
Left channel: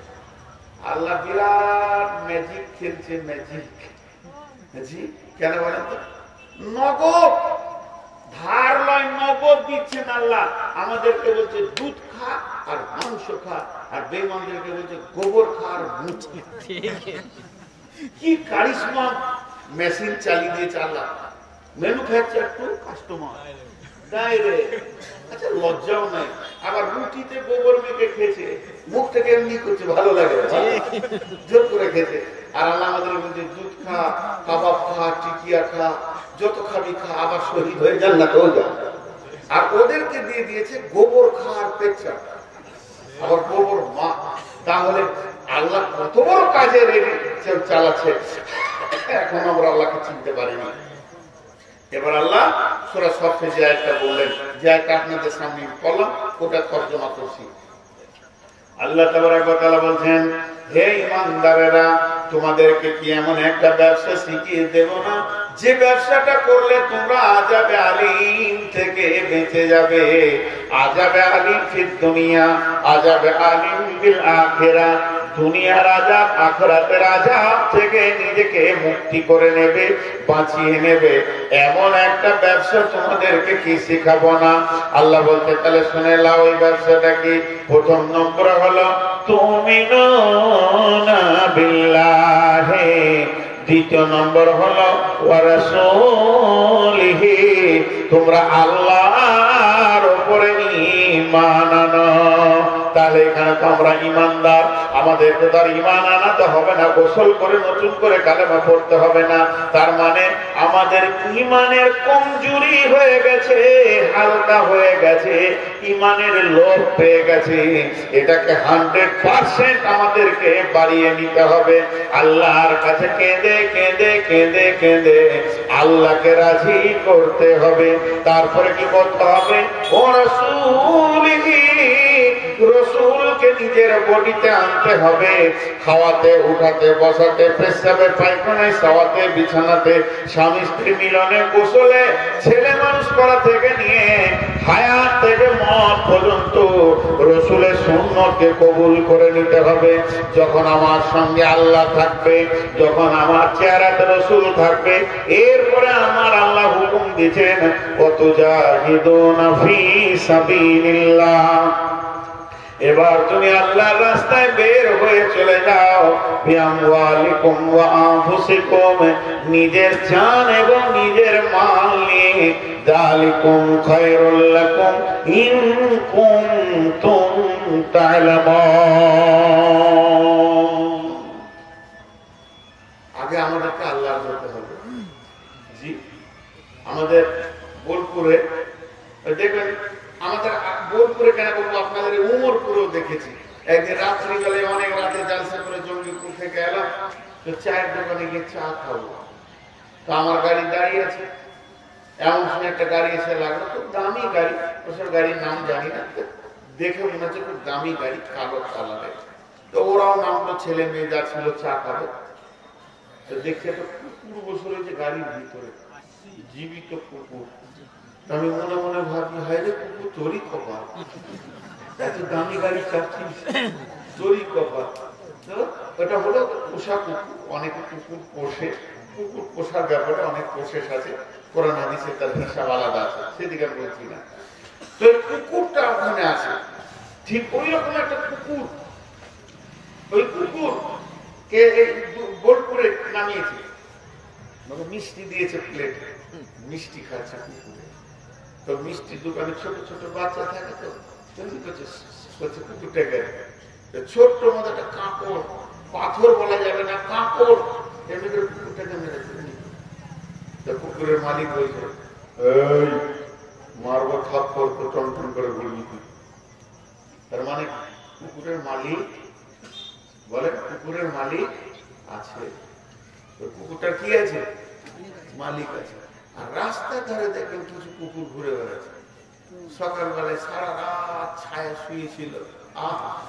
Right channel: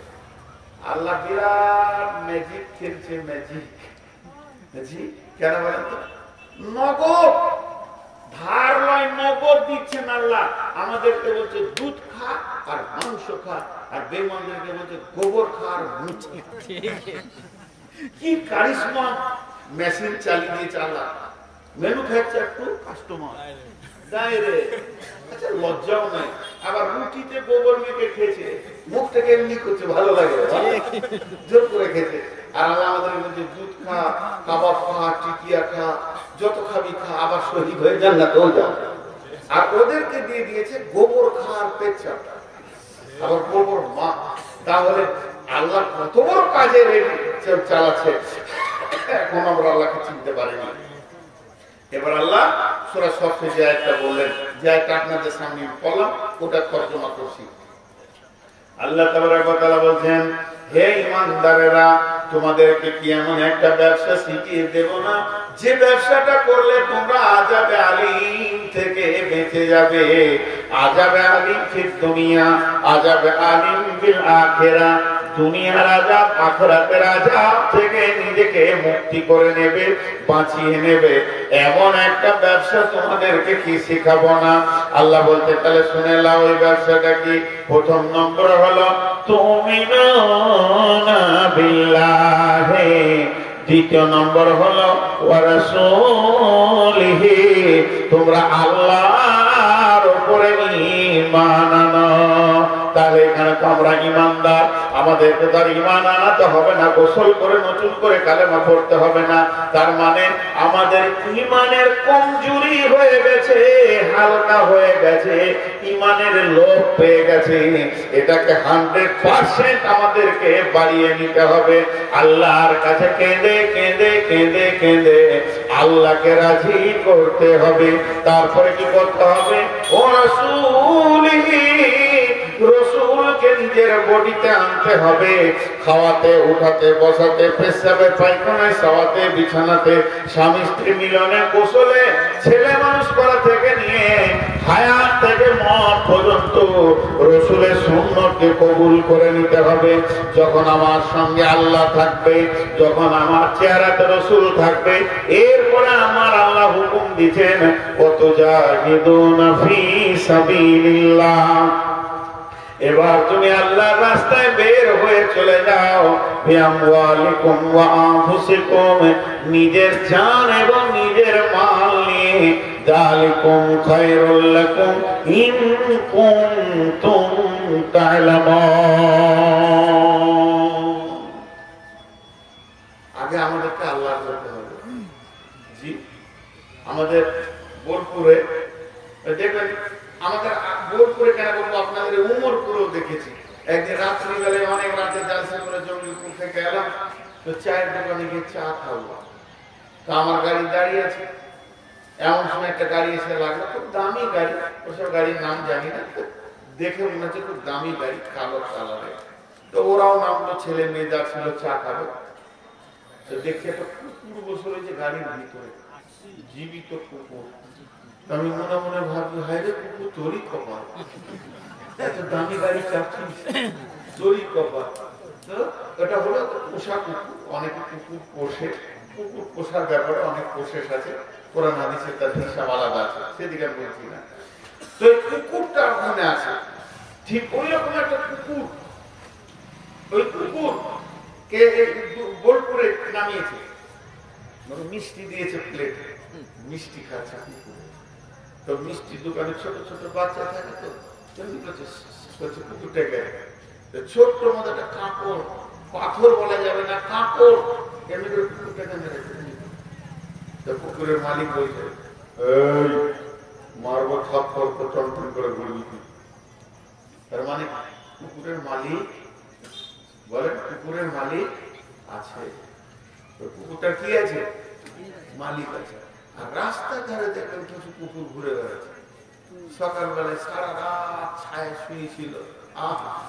আল্লাহ বিরাট ম্যাজিক খেলছে। ম্যাজিক কেন বলেন তো? নগদ ধার লয়, নগদ দিচ্ছেন আল্লাহ। আমাদেরকে বলছে দুধ খা আর মাংস খা, আর বেঈমানদেরকে বলছে গোবর খা আর মুচি। কি কারিশমা মেশিন চালিয়ে দিয়েছে আল্লাহ। Manufacture to customer direct. আচ্ছা, লজ্জাও নাই। আবার রুটিতে গোবর মেখে খেয়েছে, মুখ থেকে এমনি করছে, ভালো লাগে, জোর করে খেয়েছে। আর আল্লাহ আমাদের বলছে দুধ খা, কাবাব খা, টিকিয়া খা, যত খাবি খা, আবার শহীদ হয়ে জান্নাতে যা। আর ওদেরকে দিয়ে দিয়েছে গোবর খা আর পেচ্ছা, আবার গোবর মা। তাহলে আল্লাহ কত বড় কাজের চালাচ্ছে, এখন আমরা আল্লাহকে চিনতে পারিনি। এবার আল্লাহ সূরা সফে যে আয়াতটা বললেন, যে আয়াতটা আপনাদের সামনে পড়লাম, ওটা তর্জমা করছি। আল্লাহ তাবারক ওয়া তাআলা বলছেন, হে ঈমানদারেরা, তোমাদেরকে কি এমন একটা ব্যবসা শিখিয়ে দেব না, যে ব্যবসাটা করলে তোমরা আযাবে আলীম থেকে বেঁচে যাবে। আযাবে আলীম ফিদ দুনিয়া, আযাবে আলীম বিল আখিরাহ। দুনিয়ার আযাব, আখিরাতের আযাব থেকে নিজেকে মুক্তি করে নেবে, বাঁচিয়ে নেবে। এমন একটা ব্যবসা তোমাদেরকে কি শিখাবো না? আল্লাহ বলতে, তাহলে শুনে নাও ওই ব্যবসাটা কি। প্রথম নম্বর হলো তুমিনুনা বিল্লাহি, দ্বিতীয় নম্বর হলো ওয়া রাসূলিহি, তোমরা আল্লাহর উপরে ঈমান আনো। তাহলে এখানে তো আমরা ঈমানদার, আমাদেরকে তো আর ঈমান আনাতে হবে না, গোসল করে নতুন করে কালেমা পড়তে হবে না। তার মানে আমাদের ঈমানের কমজোরি হয়ে গেছে, হালকা হয়ে গেছে, ঈমানের লোভ পেয়ে গেছে। এটাকে 100% আমাদেরকে বাড়িয়ে নিতে হবে। আল্লাহর কাছে কেঁদে কেঁদে কেঁদে কেঁদে আল্লাহকে রাজি করতে হবে। তারপরে কি করতে হবে? ও রাসূলিহি, রাসূলকে নিজের বডিতে আনতে হবে। খাওয়াতে, উঠাতে, বসাতে, পেশাবে, পায়খানায়, শোয়াতে, বিছানাতে, স্বামী স্ত্রী মিলনে, গোসলে, ছেলে মানুষ করা থেকে নিয়ে হায়াত থেকে মত পর্যন্ত রাসূলের সুন্নতকে কবুল করে নিতে হবে। যখন আমার সঙ্গে আল্লাহ থাকবে, যখন আমার চেহারাতে রাসূল থাকবে, এরপরে আমার আল্লাহ হুকুম দিয়েছেন ওয়াতুজাহিদুনা ফি সাবিলিল্লাহ। এবার তুমি আল্লাহর রাস্তায় বের হয়ে চলে যাও। বিআমওয়ালিকুম ওয়া আনফুসিকুম, নিজের জান এবং নিজের মাল নিয়ে। যালিকুম খায়রুল লাকুম ইন কুনতুম তা'লামুন। আগে আমাদেরকে আল্লাহর করতে হবে। জি, আমাদের বোলপুরে দেখবেন, আমাদের বোলপুরে কেন বলবো, আপনাদের উমরপুরেও দেখেছি। একদিন রাত্রিবেলায় অনেক রাতে জালসা করে জঙ্গিপুর থেকে এলাম, তো চায়ের দোকানে গিয়ে চা খাবো। তো আমার গাড়ি দাঁড়িয়ে আছে, এমন সময় একটা গাড়ি এসে লাগলো, খুব দামি গাড়ি, ওসব গাড়ির নাম জানি না, দেখে মনে হচ্ছে খুব দামি গাড়ি, কালো কালারের। তো ওরাও নামলো, ছেলে মেয়ে যা ছিল চা খাবে। তো দেখছে একটা কুকুর বসে রয়েছে গাড়ির ভিতরে, জীবিত কুকুর। আমি মনে মনে ভাবি, হায় রে কুকুর তোরই কপাল, এত দামি গাড়ি চাচ্ছিস, তোরই কপাল। তো এটা হলো পোষা কুকুর। অনেকে কুকুর পোষে, কুকুর পোষার ব্যাপারে অনেক প্রসেস আছে, কোরআন হাদিসে তার হিসাব আলাদা আছে, সেদিকে আমি বলছি না। তো এই কুকুরটা ওখানে আছে, ঠিক ওই রকম একটা কুকুর। ওই কুকুর কে বোলপুরে নামিয়েছে, মিষ্টি দিয়েছে প্লেটে, মিষ্টি খাচ্ছে কুকুরে। তো মিষ্টির দোকানে ছোট ছোট বাচ্চা থাকে, তো তৈরি করছে কুকুরটাকে। ছোট্ট মতো একটা কাঁকড়, পাথর বলা যাবে না, কাঁকড়, এমনি করে কুকুরটাকে মেরেছে। তো কুকুরের মালিক বলছে, এই মারবো থাপ্পড়, তো টনটন করে বলবি। তার মানে কুকুরের মালিক বলেন, কুকুরের মালিক আছে। তো কুকুরটা কি আছে? মালিক আছে। আর রাস্তার ধারে দেখবেন কিছু কুকুর ঘুরে বেড়াচ্ছে। সকালবেলায় সারা রাত ছায়া শুয়েছিল,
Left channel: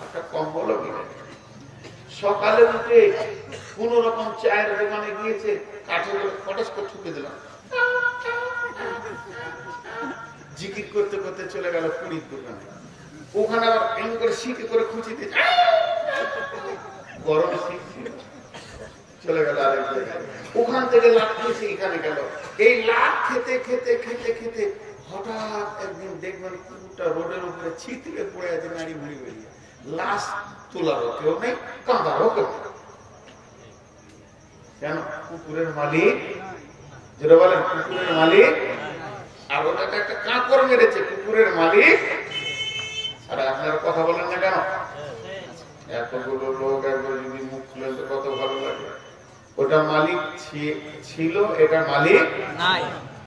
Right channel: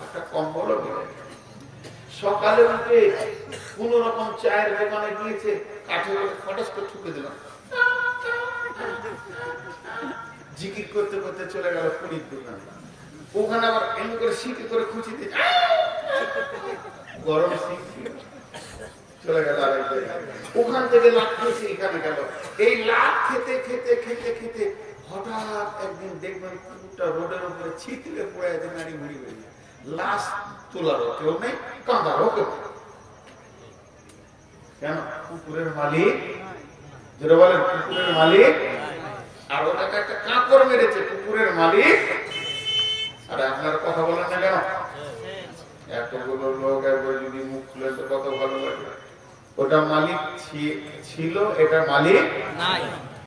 একটা কম্বলও মিলে। সকালে উঠে কোন রকম চায়ের দোকানে গিয়েছে, কাঠে করে ফটাস করে ঠুকে দিলাম, জিকির করতে করতে চলে গেল পুরীর দোকানে। ওখানে আবার এমনি করে শিখে করে খুঁচি দিয়ে গরম শিখছিল, চলে গেল আরেক জায়গায়। ওখান থেকে লাট খেয়েছে, এখানে গেল। এই লাট খেতে খেতে খেতে খেতে হঠাৎ একদিন দেখবেন কুকুরটা রোডের উপরে ছিটকে পড়ে আছে, নাড়ি মুড়ি বেরিয়ে। লাশ তোলারও কেউ নেই, কাঁদারও কেউ। কেন? কুকুরের মালিক, যেটা বলেন কুকুরের মালিক। আর ওটাকে একটা কাঁকড় মেরেছে, কুকুরের মালিক। আর আপনার কথা বলেন না কেন? এতগুলো লোক একবার যদি মুখ খুলেন তো কত ভালো লাগে। ওটা মালিক ছিল, এটা মালিক নাই।